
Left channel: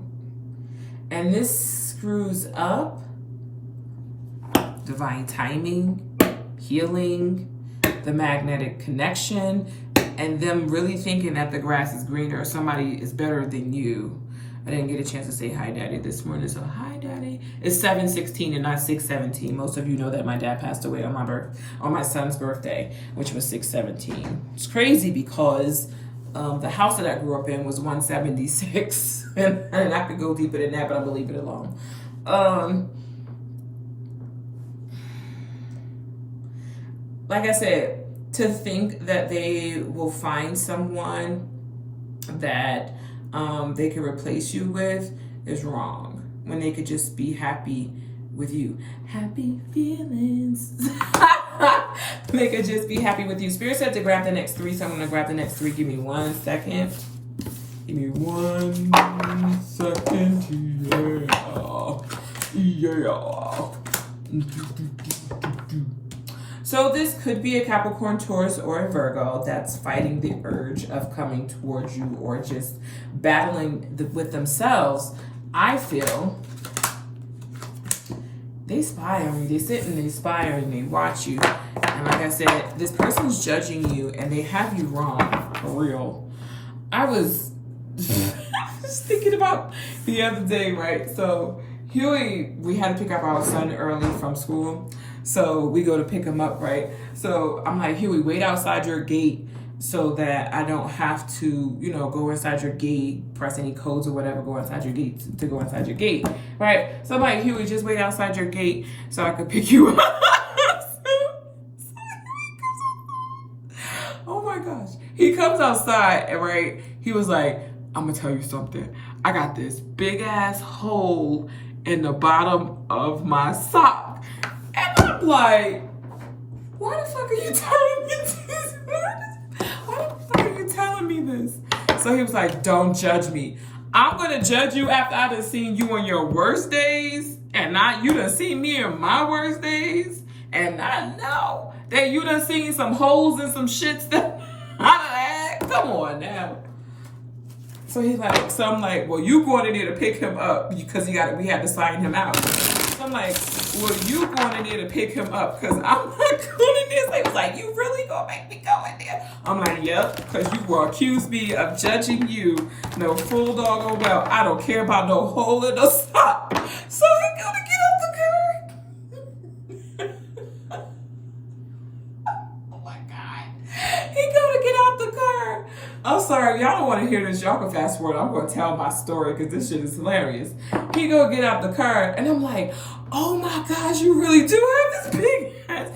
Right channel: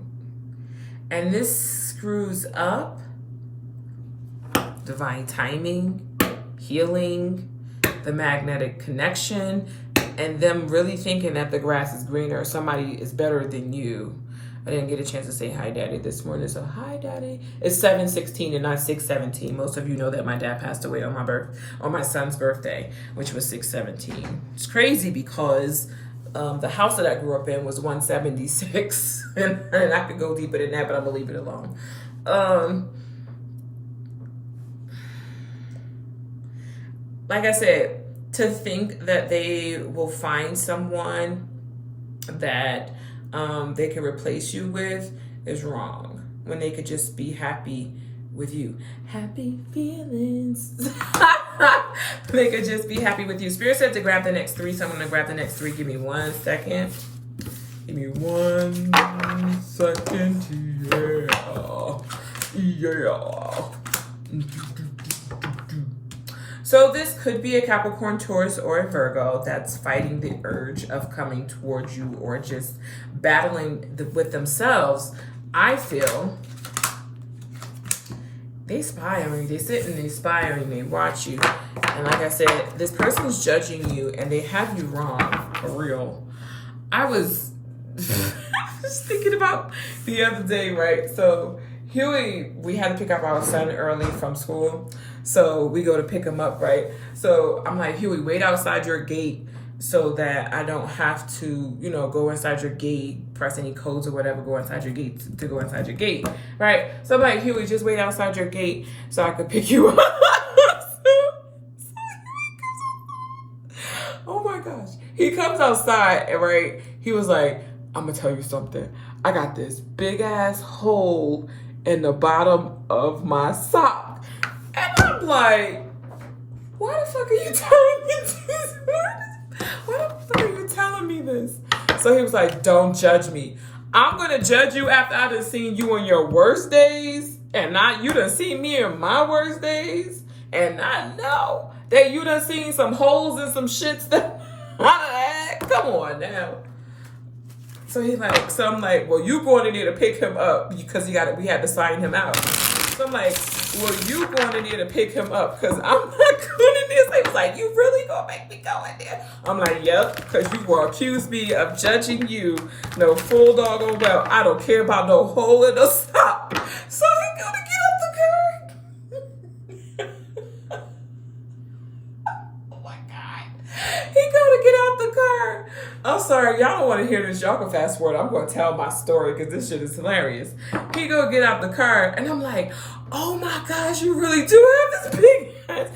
And this screws up divine timing, healing, the magnetic connection, and them really thinking that the grass is greener, somebody is better than you. I didn't get a chance to say hi, Daddy, this morning, so hi, Daddy. It's 7:16 and not 6:17. Most of you know that my dad passed away on my son's birthday, which was 6:17. It's crazy because the house that I grew up in was 176, and I could go deeper than that, but I'm gonna leave it alone. Like I said, to think that they will find someone that they can replace you with is wrong. When they could just be happy with you. Happy feelings. They could just be happy with you. Spirit said to grab the next 3, so I'm going to grab the next 3. Give me 1 second. Give me 1 second. Yeah. So this could be a Capricorn, Taurus, or a Virgo that's fighting the urge of coming towards you or just battling with themselves. I feel they spy on you. They sit and they spy on you. They watch you. And like I said, this person's judging you and they have you wrong. For real. I was just thinking about the other day, right? So Huey, we had to pick up our son early from school. So we go to pick him up, right? So I'm like, Huey, wait outside your gate so that I don't have to, go inside your gate, press any codes or whatever, go inside your gate to go inside your gate, right? So I'm like, Huey, just wait outside your gate so I can pick you up. Oh my gosh. He comes outside and right, he was like, I'm gonna tell you something. I got this big ass hole in the bottom of my sock. And I'm like, why the fuck are you telling me this? Why the fuck are you telling me this? So he was like, don't judge me. I'm going to judge you after I done seen you on your worst days. And not you done seen me in my worst days. And I know that you done seen some holes and some shits that I had. Come on now. So I'm like, well, you going in there to pick him up because we had to sign him out. So I'm like, well, you going in there to pick him up because I'm not going in there. So he was like, you really gonna make me go in there? I'm like, yep, because you will accuse me of judging you. No full doggone well. I don't care about no hole in the sock. So he gonna get up the car. Oh my God. He gonna get out the car. I'm sorry, y'all don't want to hear this. Y'all can fast forward. I'm going to tell my story because this shit is hilarious. He go get out the car, and I'm like, oh my gosh, you really do have this big ass.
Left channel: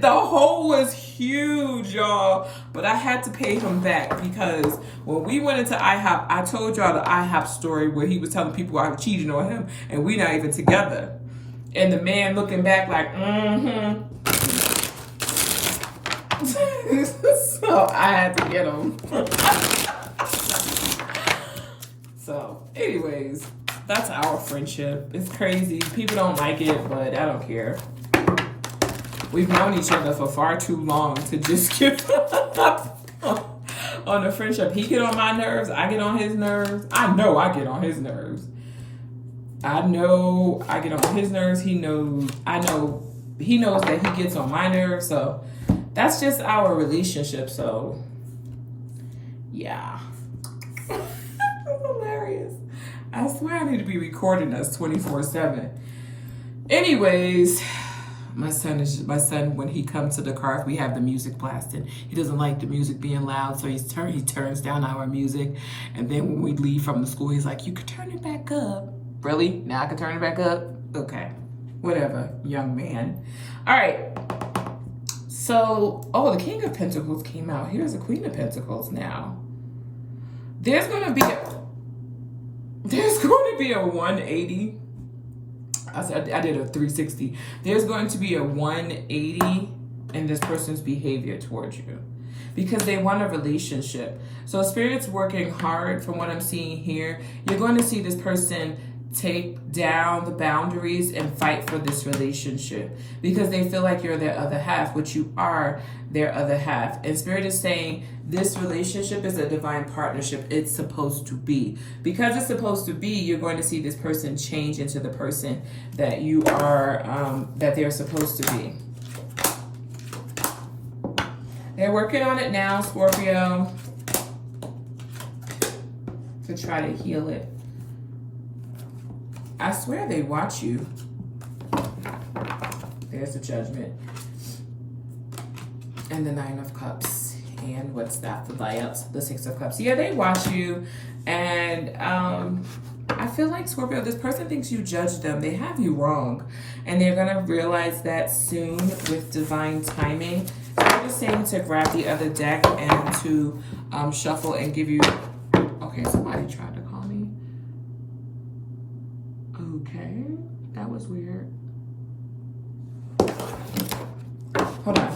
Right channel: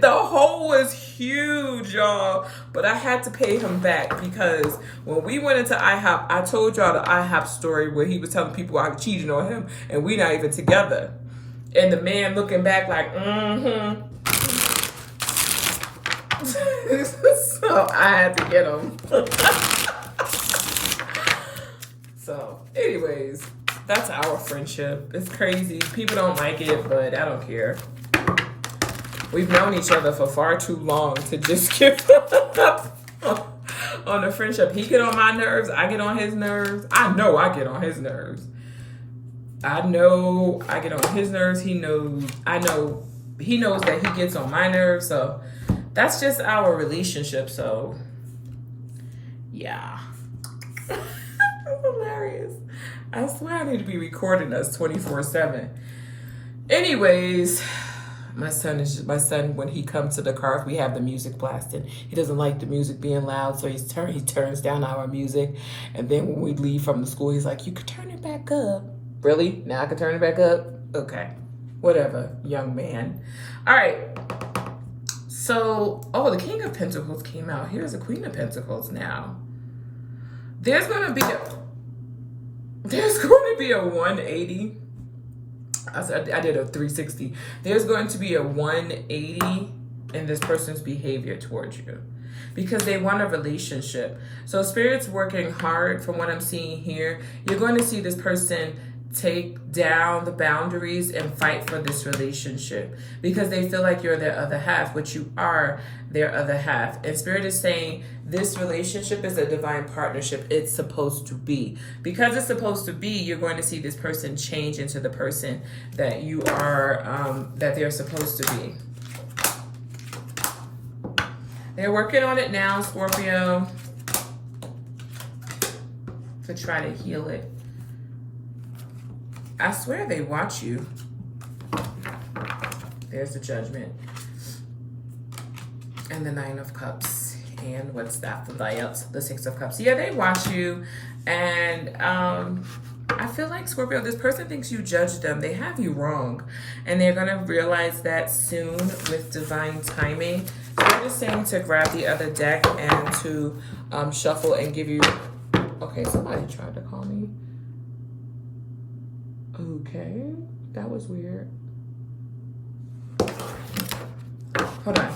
The hole was huge, y'all. But I had to pay him back because when we went into IHOP, I told y'all the IHOP story where he was telling people I was cheating on him, and we not even together. And the man looking back like, So I had to get him. So, anyways, that's our friendship. It's crazy. People don't like it, but I don't care. We've known each other for far too long to just give up on the friendship. He get on my nerves. I get on his nerves. I know I get on his nerves. I know I get on his nerves. He knows. I know he knows that he gets on my nerves. So that's just our relationship. So yeah. That's hilarious. I swear I need to be recording us 24/7. Anyways, my son, when he comes to the car, we have the music blasting. He doesn't like the music being loud, so he turns down our music. And then when we leave from the school, he's like, you could turn it back up. Really? Now I can turn it back up? Okay. Whatever, young man. All right. So, the King of Pentacles came out. Here's the Queen of Pentacles now. There's going to be a 180. I did a 360. There's going to be a 180 in this person's behavior towards you because they want a relationship. So Spirit's working hard from what I'm seeing here. You're going to see this person take down the boundaries and fight for this relationship because they feel like you're their other half, which you are their other half. And Spirit is saying this relationship is a divine partnership. It's supposed to be. Because it's supposed to be, you're going to see this person change into the person that you are, that they're supposed to be. They're working on it now, Scorpio, to try to heal it. I swear they watch you. There's the Judgment. And the Nine of Cups. And what's that? The Six of Cups. Yeah, they watch you. And I feel like, Scorpio, this person thinks you judge them. They have you wrong. And they're going to realize that soon with divine timing. They're just saying to grab the other deck and to shuffle and give you... Okay, somebody tried to call me. Okay, that was weird. Hold on.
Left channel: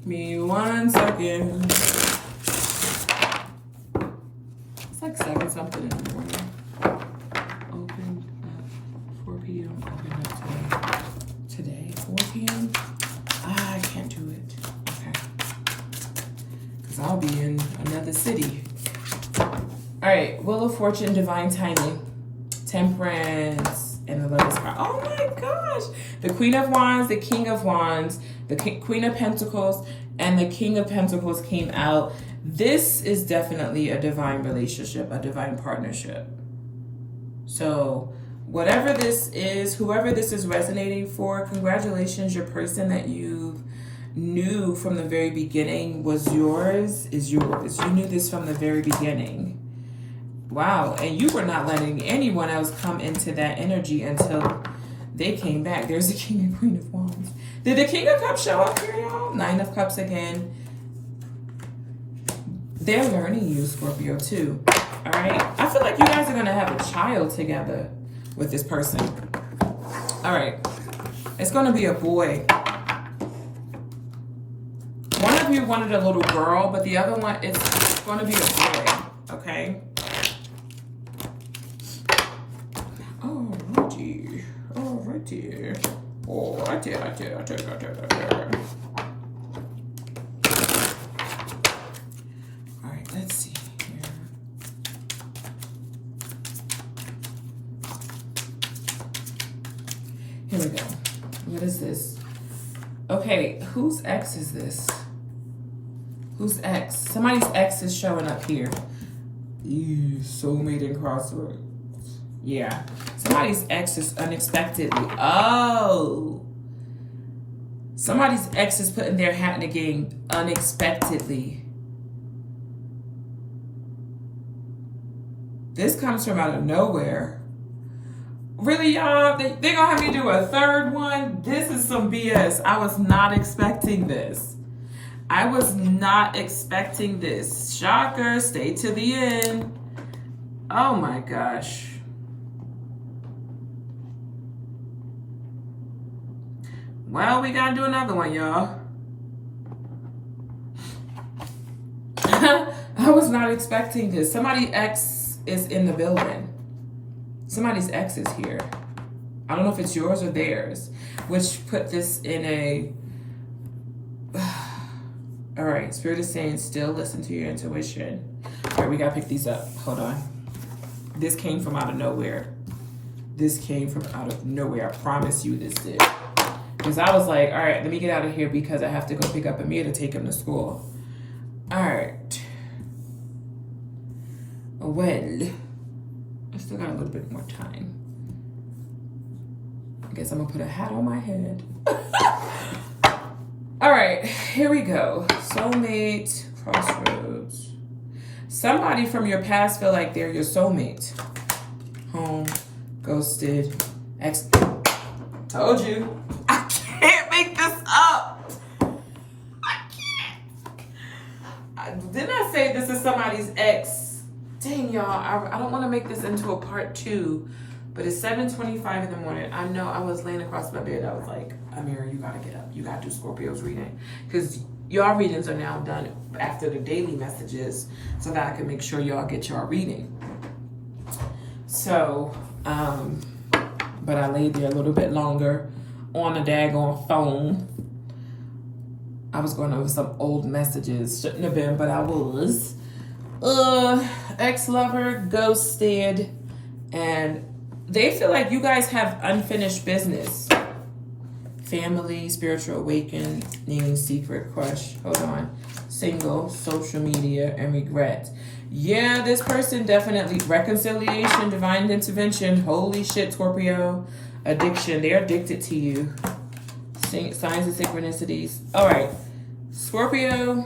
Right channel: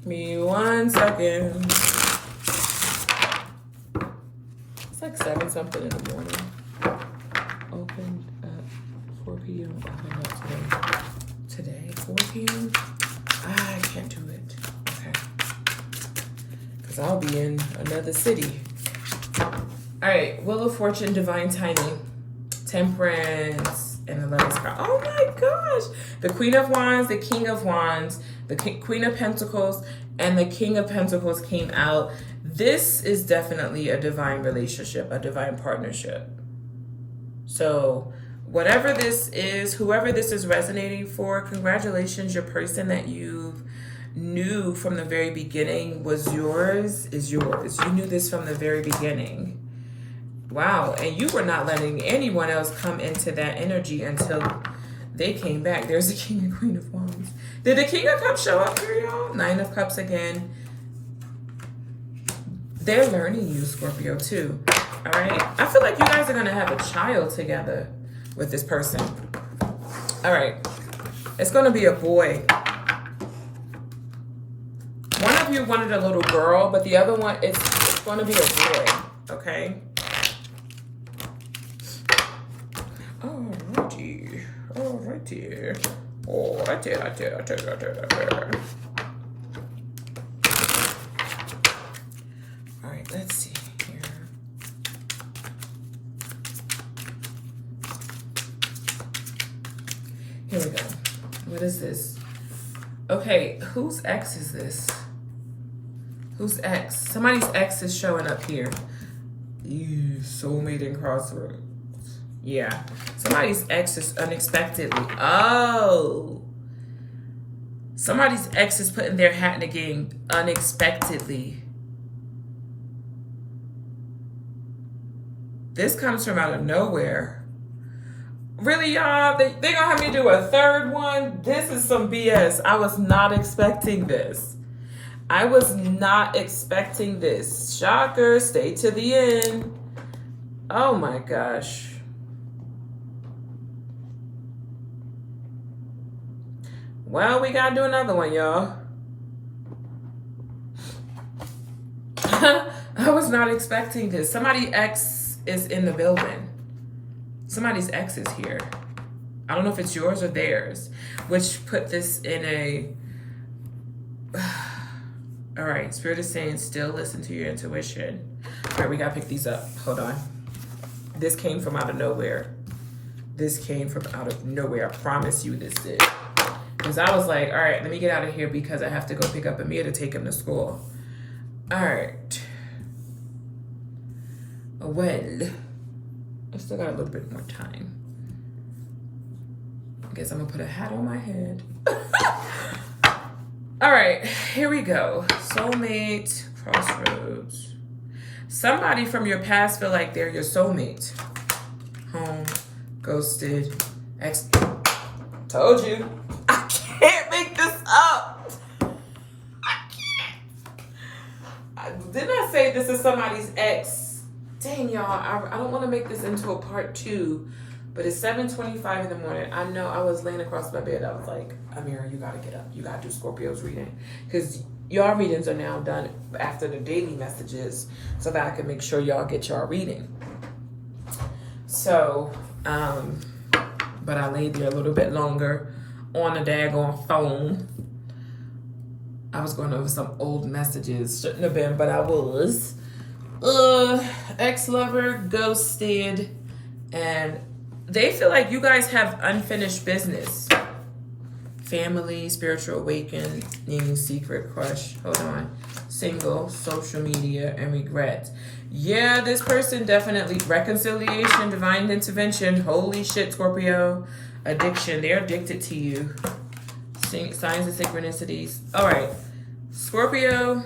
Give me 1 second. It's like 7 something in the morning. Opened at 4 p.m. Opened up today. 4 p.m. I can't do it. Okay. Because I'll be in another city. All right, Wheel of Fortune, divine timing, Temperance, and the Lover's card. Oh my gosh! The Queen of Wands, the King of Wands, the Queen of Pentacles, and the King of Pentacles came out. This is definitely a divine relationship, a divine partnership. So whatever this is, whoever this is resonating for, congratulations. Your person that you knew from the very beginning was yours, is yours. You knew this from the very beginning. Wow, and you were not letting anyone else come into that energy until they came back. There's the King and Queen of Wands. Did the King of Cups show up here, y'all? Nine of Cups again. They're learning you, Scorpio, too. All right? I feel like you guys are going to have a child together with this person. All right. It's going to be a boy. One of you wanted a little girl, but the other one, it's going to be a boy. Okay? Alrighty. Alright, let's see here. Here we go. What is this? Okay, whose ex is this? Whose ex? Somebody's ex is showing up here. Ew, soulmate and crossroads. Yeah. Somebody's ex is unexpectedly. Oh. Somebody's ex is putting their hat in the game unexpectedly. This comes from out of nowhere. Really, y'all? They gonna have me do a third one? This is some BS. I was not expecting this. I was not expecting this. Shocker. Stay to the end. Oh my gosh. Well, we gotta do another one, y'all. I was not expecting this. Somebody's ex is in the building. Somebody's ex is here. I don't know if it's yours or theirs, which put this in a... All right, Spirit is saying still listen to your intuition. All right, we gotta pick these up. Hold on. This came from out of nowhere. This came from out of nowhere. I promise you this did. Because I was like, all right, let me get out of here because I have to go pick up Amir to take him to school. All right. Well, I still got a little bit more time. I guess I'm going to put a hat on my head. All right, here we go. Soulmate, crossroads. Somebody from your past feel like they're your soulmate. Home, ghosted, ex. Told you. I can't make this up. I can't. Didn't I say this is somebody's ex? Dang, y'all. I don't want to make this into a part 2, but it's 7:25 in the morning. I know I was laying across my bed. I was like, Amira, you got to get up. You got to do Scorpio's reading. Because y'all readings are now done after the daily messages so that I can make sure y'all get y'all reading. So, but I laid there a little bit longer on a daggone phone. I was going over some old messages. Shouldn't have been, but I was. Ex-lover ghosted, and they feel like you guys have unfinished business. Family, spiritual awakening, secret crush. Hold on. Single, social media, and regret. Yeah, this person definitely reconciliation, divine intervention. Holy shit, Scorpio. Addiction. They're addicted to you. Signs of synchronicities. All right, Scorpio.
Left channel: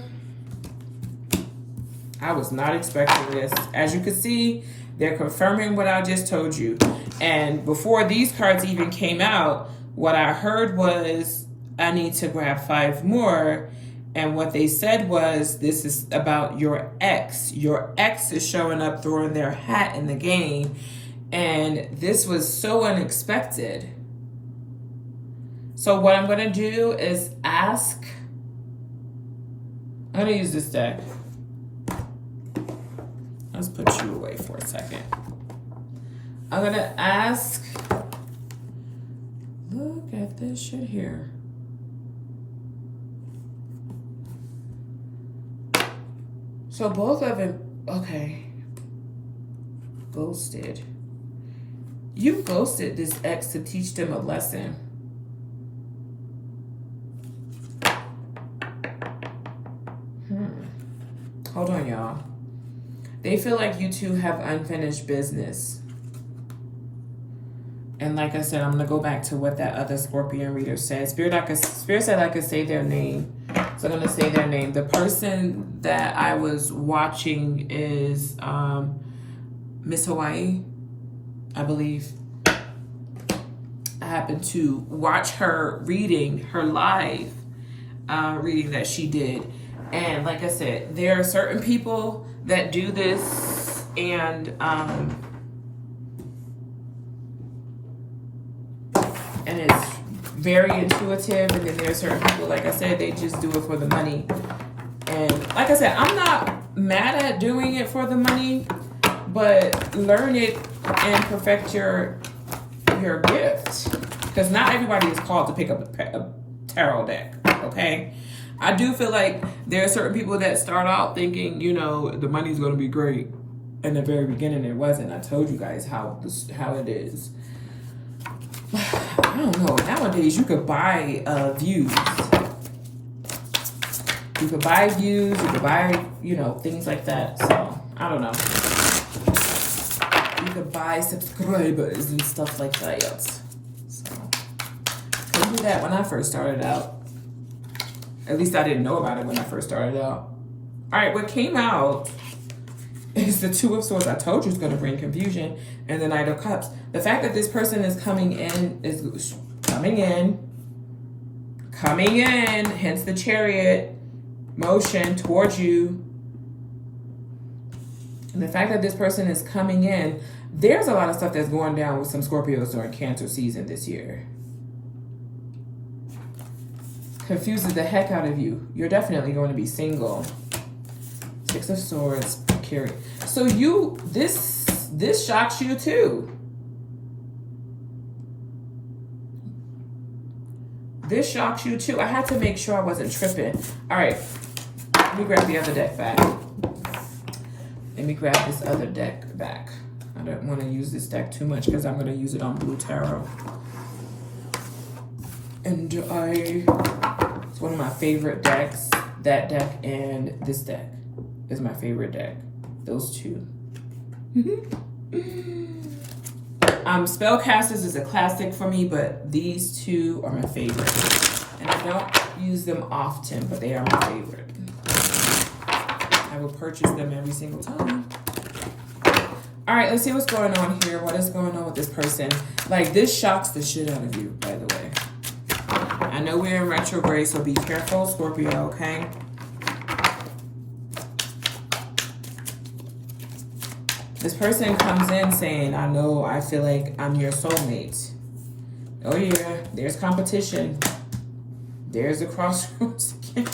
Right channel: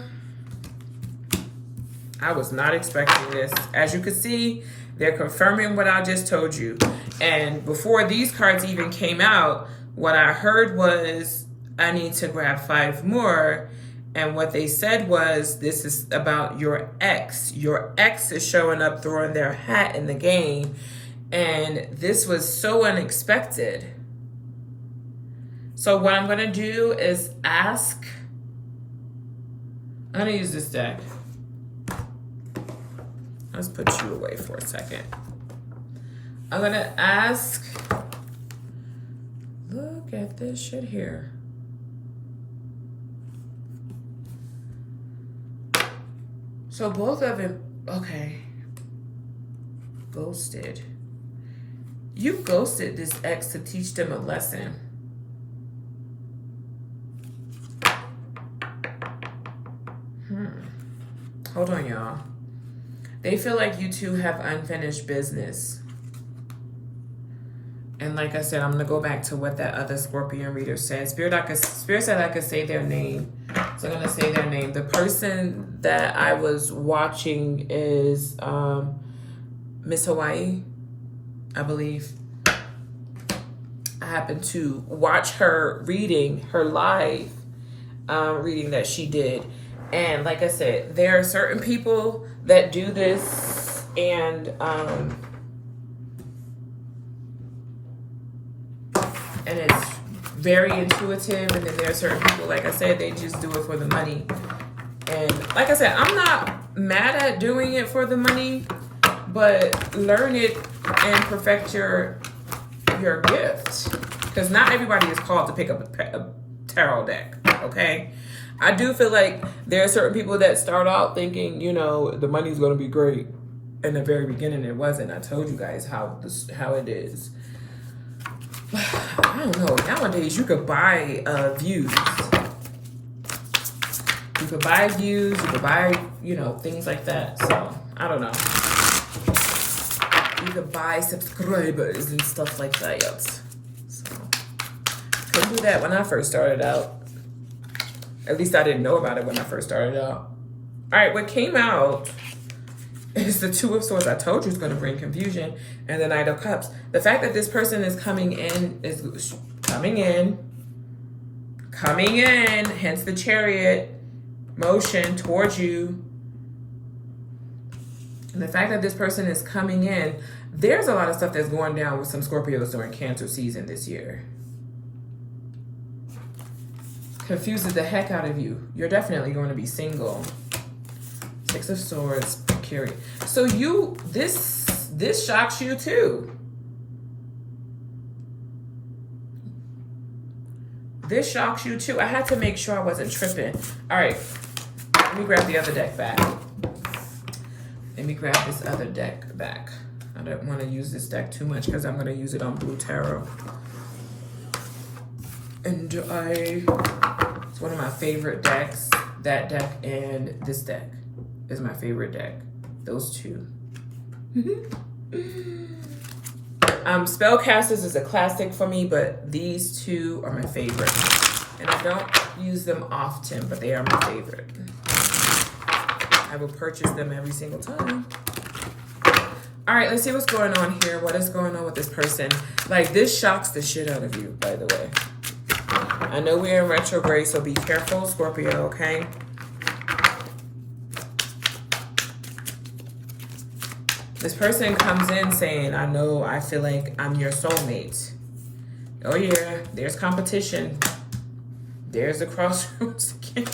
I was not expecting this. As you can see, they're confirming what I just told you. And before these cards even came out, what I heard was, I need to grab 5 more. And what they said was, this is about your ex. Your ex is showing up, throwing their hat in the game. And this was so unexpected. So what I'm going to do is ask. I'm going to use this deck. Let's put you away for a second. I'm going to ask. Look at this shit here. So both of them, okay. Ghosted. You ghosted this ex to teach them a lesson. Hold on, y'all. They feel like you two have unfinished business. And like I said, I'm going to go back to what that other Scorpion reader said. Spirit said I could say their name. So I'm going to say their name. The person that I was watching is Miss Hawaii, I believe. I happened to watch her reading, her live reading that she did. And like I said, there are certain people that do this, and it's very intuitive. And then there are certain people, like I said, they just do it for the money. And like I said, I'm not mad at doing it for the money, but learn it and perfect your gift, because not everybody is called to pick up a tarot deck. Okay. I do feel like there are certain people that start out thinking, you know, the money's going to be great. In the very beginning, it wasn't. I told you guys how it is. I don't know. Nowadays, you could buy views. You could buy views. You could buy, you know, things like that. So, I don't know. You could buy subscribers and stuff like that. So, couldn't do that when I first started out. At least I didn't know about it when I first started out. All right, what came out is the Two of Swords. I told you it's going to bring confusion. And the Knight of Cups. The fact that this person is coming in, hence the Chariot motion towards you. And the fact that this person is coming in, there's a lot of stuff that's going down with some Scorpios during Cancer season this year. Confuses the heck out of you. You're definitely going to be single. Six of Swords, Carry. So this shocks you too. This shocks you too. I had to make sure I wasn't tripping. All right, let me grab the other deck back. Let me grab this other deck back. I don't want to use this deck too much because I'm going to use it on Blue Tarot. And it's one of my favorite decks. That deck and this deck is my favorite deck. Those two. Spellcasters is a classic for me, but these two are my favorite. And I don't use them often, but they are my favorite. I will purchase them every single time. All right, let's see what's going on here. What is going on with this person? Like, this shocks the shit out of you, by the way. I know we're in retrograde, so be careful, Scorpio, okay? This person comes in saying, I feel like I'm your soulmate. Oh yeah, there's competition. There's a crossroads again.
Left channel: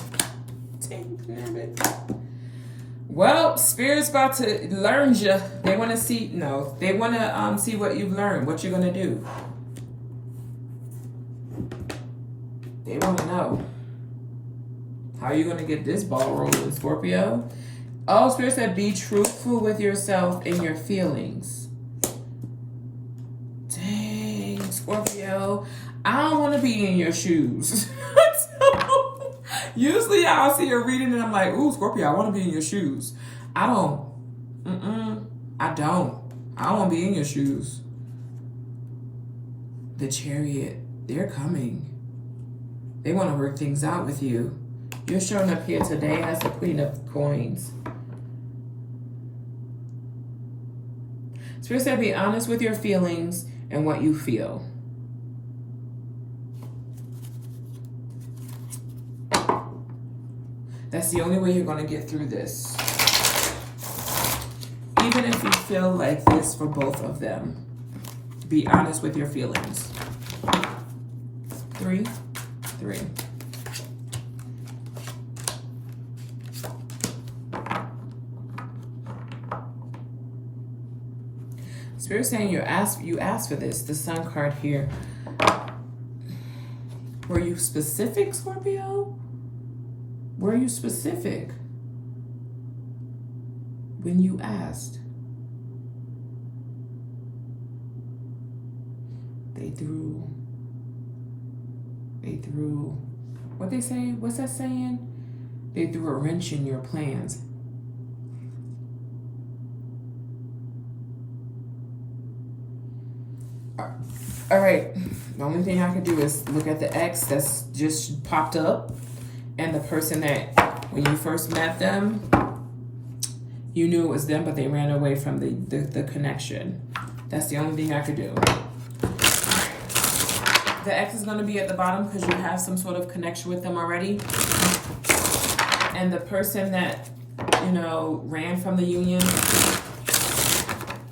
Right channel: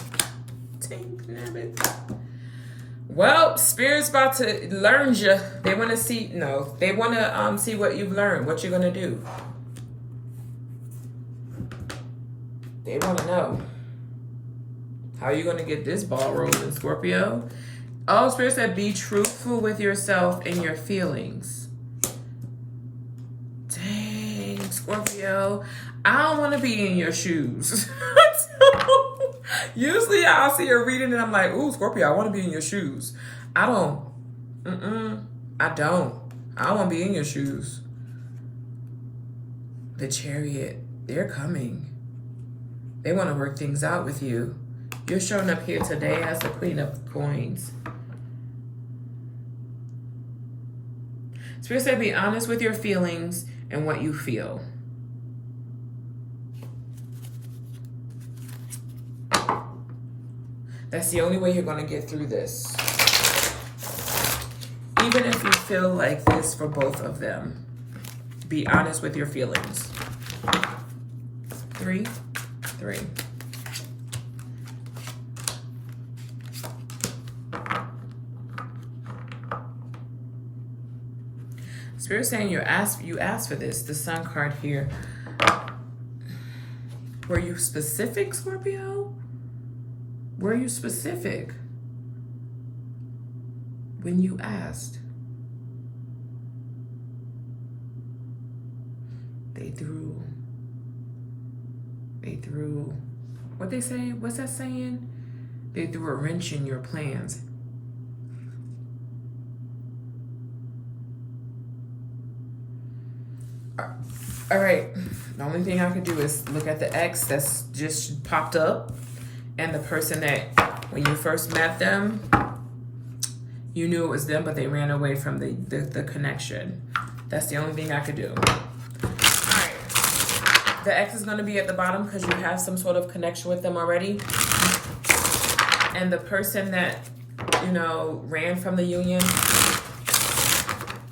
Well, Spirit's about to learn you. They want to see, no, they want to see what you've learned, what you're going to do. They want to know. How are you going to get this ball rolling, Scorpio? Oh, Spirit said, be truthful with yourself and your feelings. Dang, Scorpio. I don't want to be in your shoes. Usually I'll see a reading and I'm like, ooh, Scorpio, I want to be in your shoes. I don't. I don't want to be in your shoes. The Chariot, they're coming. They want to work things out with you. You're showing up here today as the Queen of Coins. Spirit said, be honest with your feelings and what you feel. That's the only way you're going to get through this. Even if you feel like this for both of them, be honest with your feelings. 3, 3. Spirit saying you asked for this. The Sun card here. Were you specific, Scorpio? Were you specific when you asked? They threw, what they say? What's that saying? They threw a wrench in your plans. All right, the only thing I could do is look at the X that's just popped up and the person that when you first met them, you knew it was them, but they ran away from the connection. That's the only thing I could do. The X is going to be at the bottom because you have some sort of connection with them already. And the person that, you know, ran from the union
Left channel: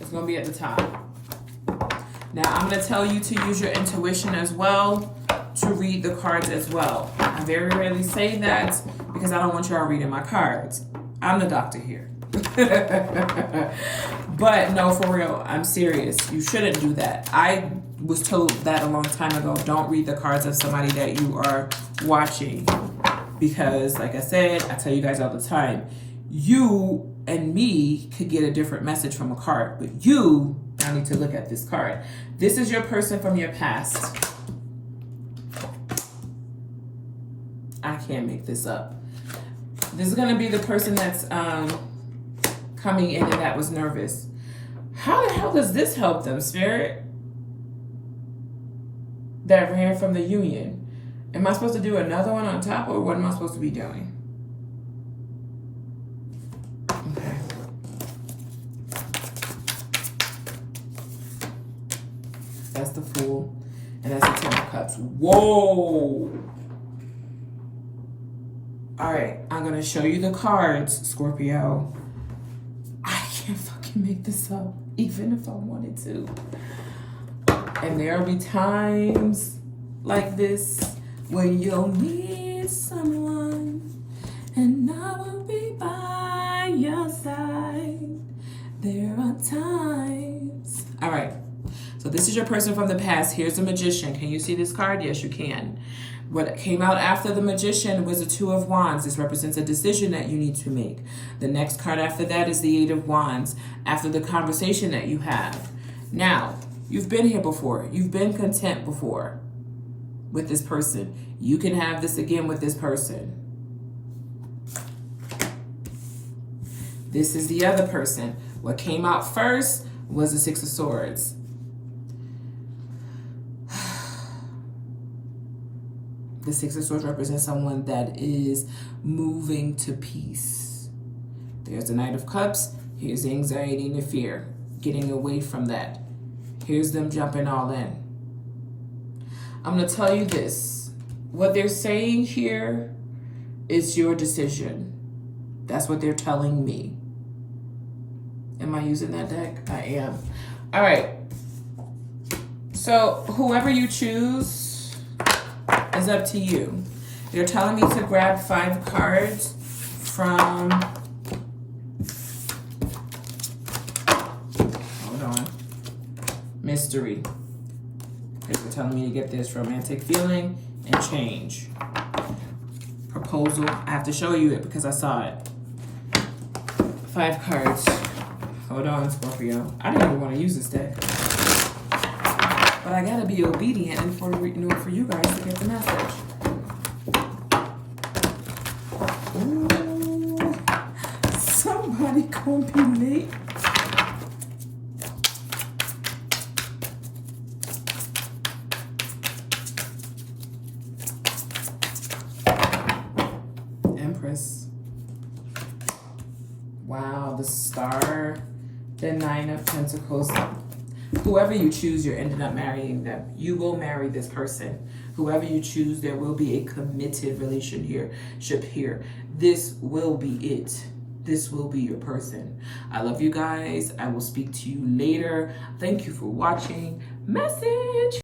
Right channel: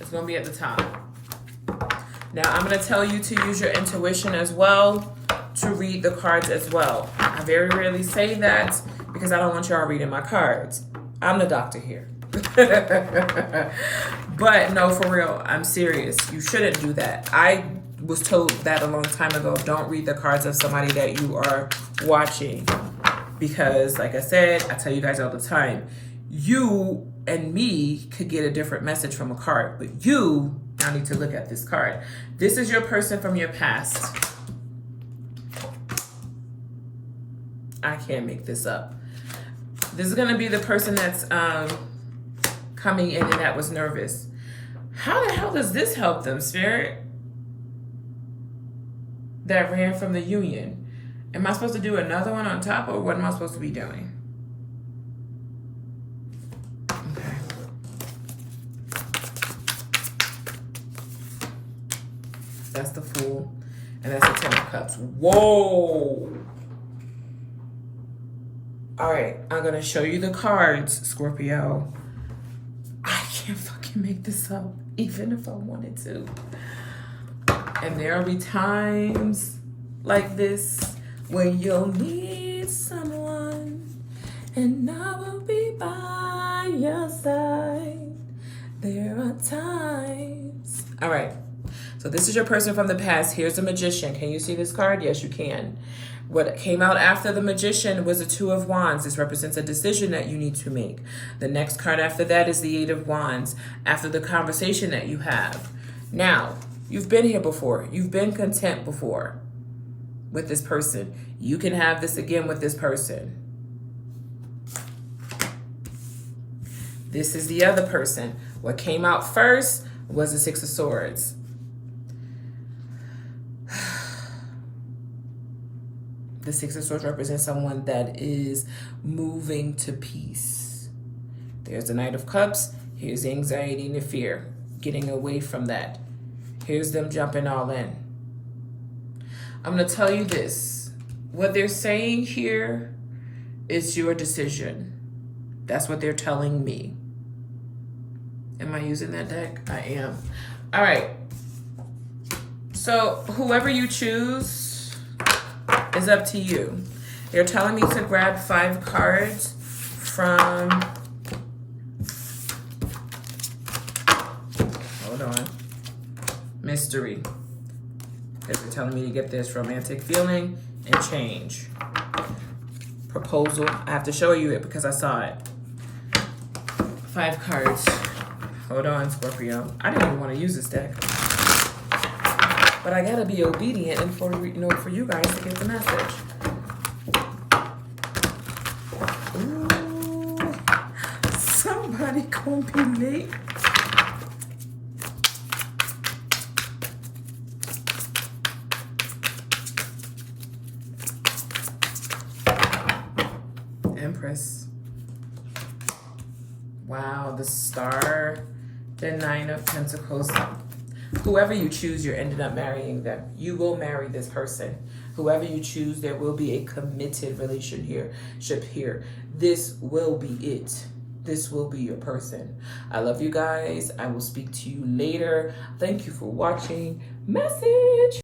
is going to be at the top. Now, I'm going to tell you to use your intuition as well to read the cards as well. I very rarely say that because I don't want y'all reading my cards. I'm the doctor here. But no, for real, I'm serious. You shouldn't do that. I was told that a long time ago. Don't read the cards of somebody that you are watching. Because, like I said, I tell you guys all the time, you and me could get a different message from a card. But you now need to look at this card. This is your person from your past. I can't make this up. This is going to be the person that's coming in and that was nervous. How the hell does this help them, Spirit? That ran from the union. Am I supposed to do another one on top, or what am I supposed to be doing? Okay. That's the Fool. And that's the Ten of Cups. Whoa! All right, I'm going to show you the cards, Scorpio. I can't fucking make this up, even if I wanted to. And there will be times like this when you'll need someone, and I will be by your side. There are times. All right, so this is your person from the past. Here's the Magician. Can you see this card? Yes, you can. What came out after the Magician was the Two of Wands. This represents a decision that you need to make. The next card after that is the Eight of Wands, after the conversation that you have. Now, you've been here before. You've been content before with this person. You can have this again with this person. This is the other person. What came out first was the Six of Swords. The Six of Swords represents someone that is moving to peace. There's the Knight of Cups. Here's the anxiety and the fear. Getting away from that. Here's them jumping all in. I'm going to tell you this. What they're saying here is your decision. That's what they're telling me. Am I using that deck? I am. All right. So whoever you choose is up to you. You're telling me to grab 5 cards from mystery. They're telling me to get this romantic feeling and change. Proposal. I have to show you it because I saw it. 5 cards. Hold on, Scorpio. I didn't even want to use this deck. But I gotta be obedient and for you guys to get the message. Ooh, somebody gonna be late. Empress. Wow, the Star, the 9 of Pentacles. Whoever you choose, you're ending up marrying them. You will marry this person. Whoever you choose, there will be a committed relationship here. This will be it. This will be your person. I love you guys. I will speak to you later. Thank you for watching. Message.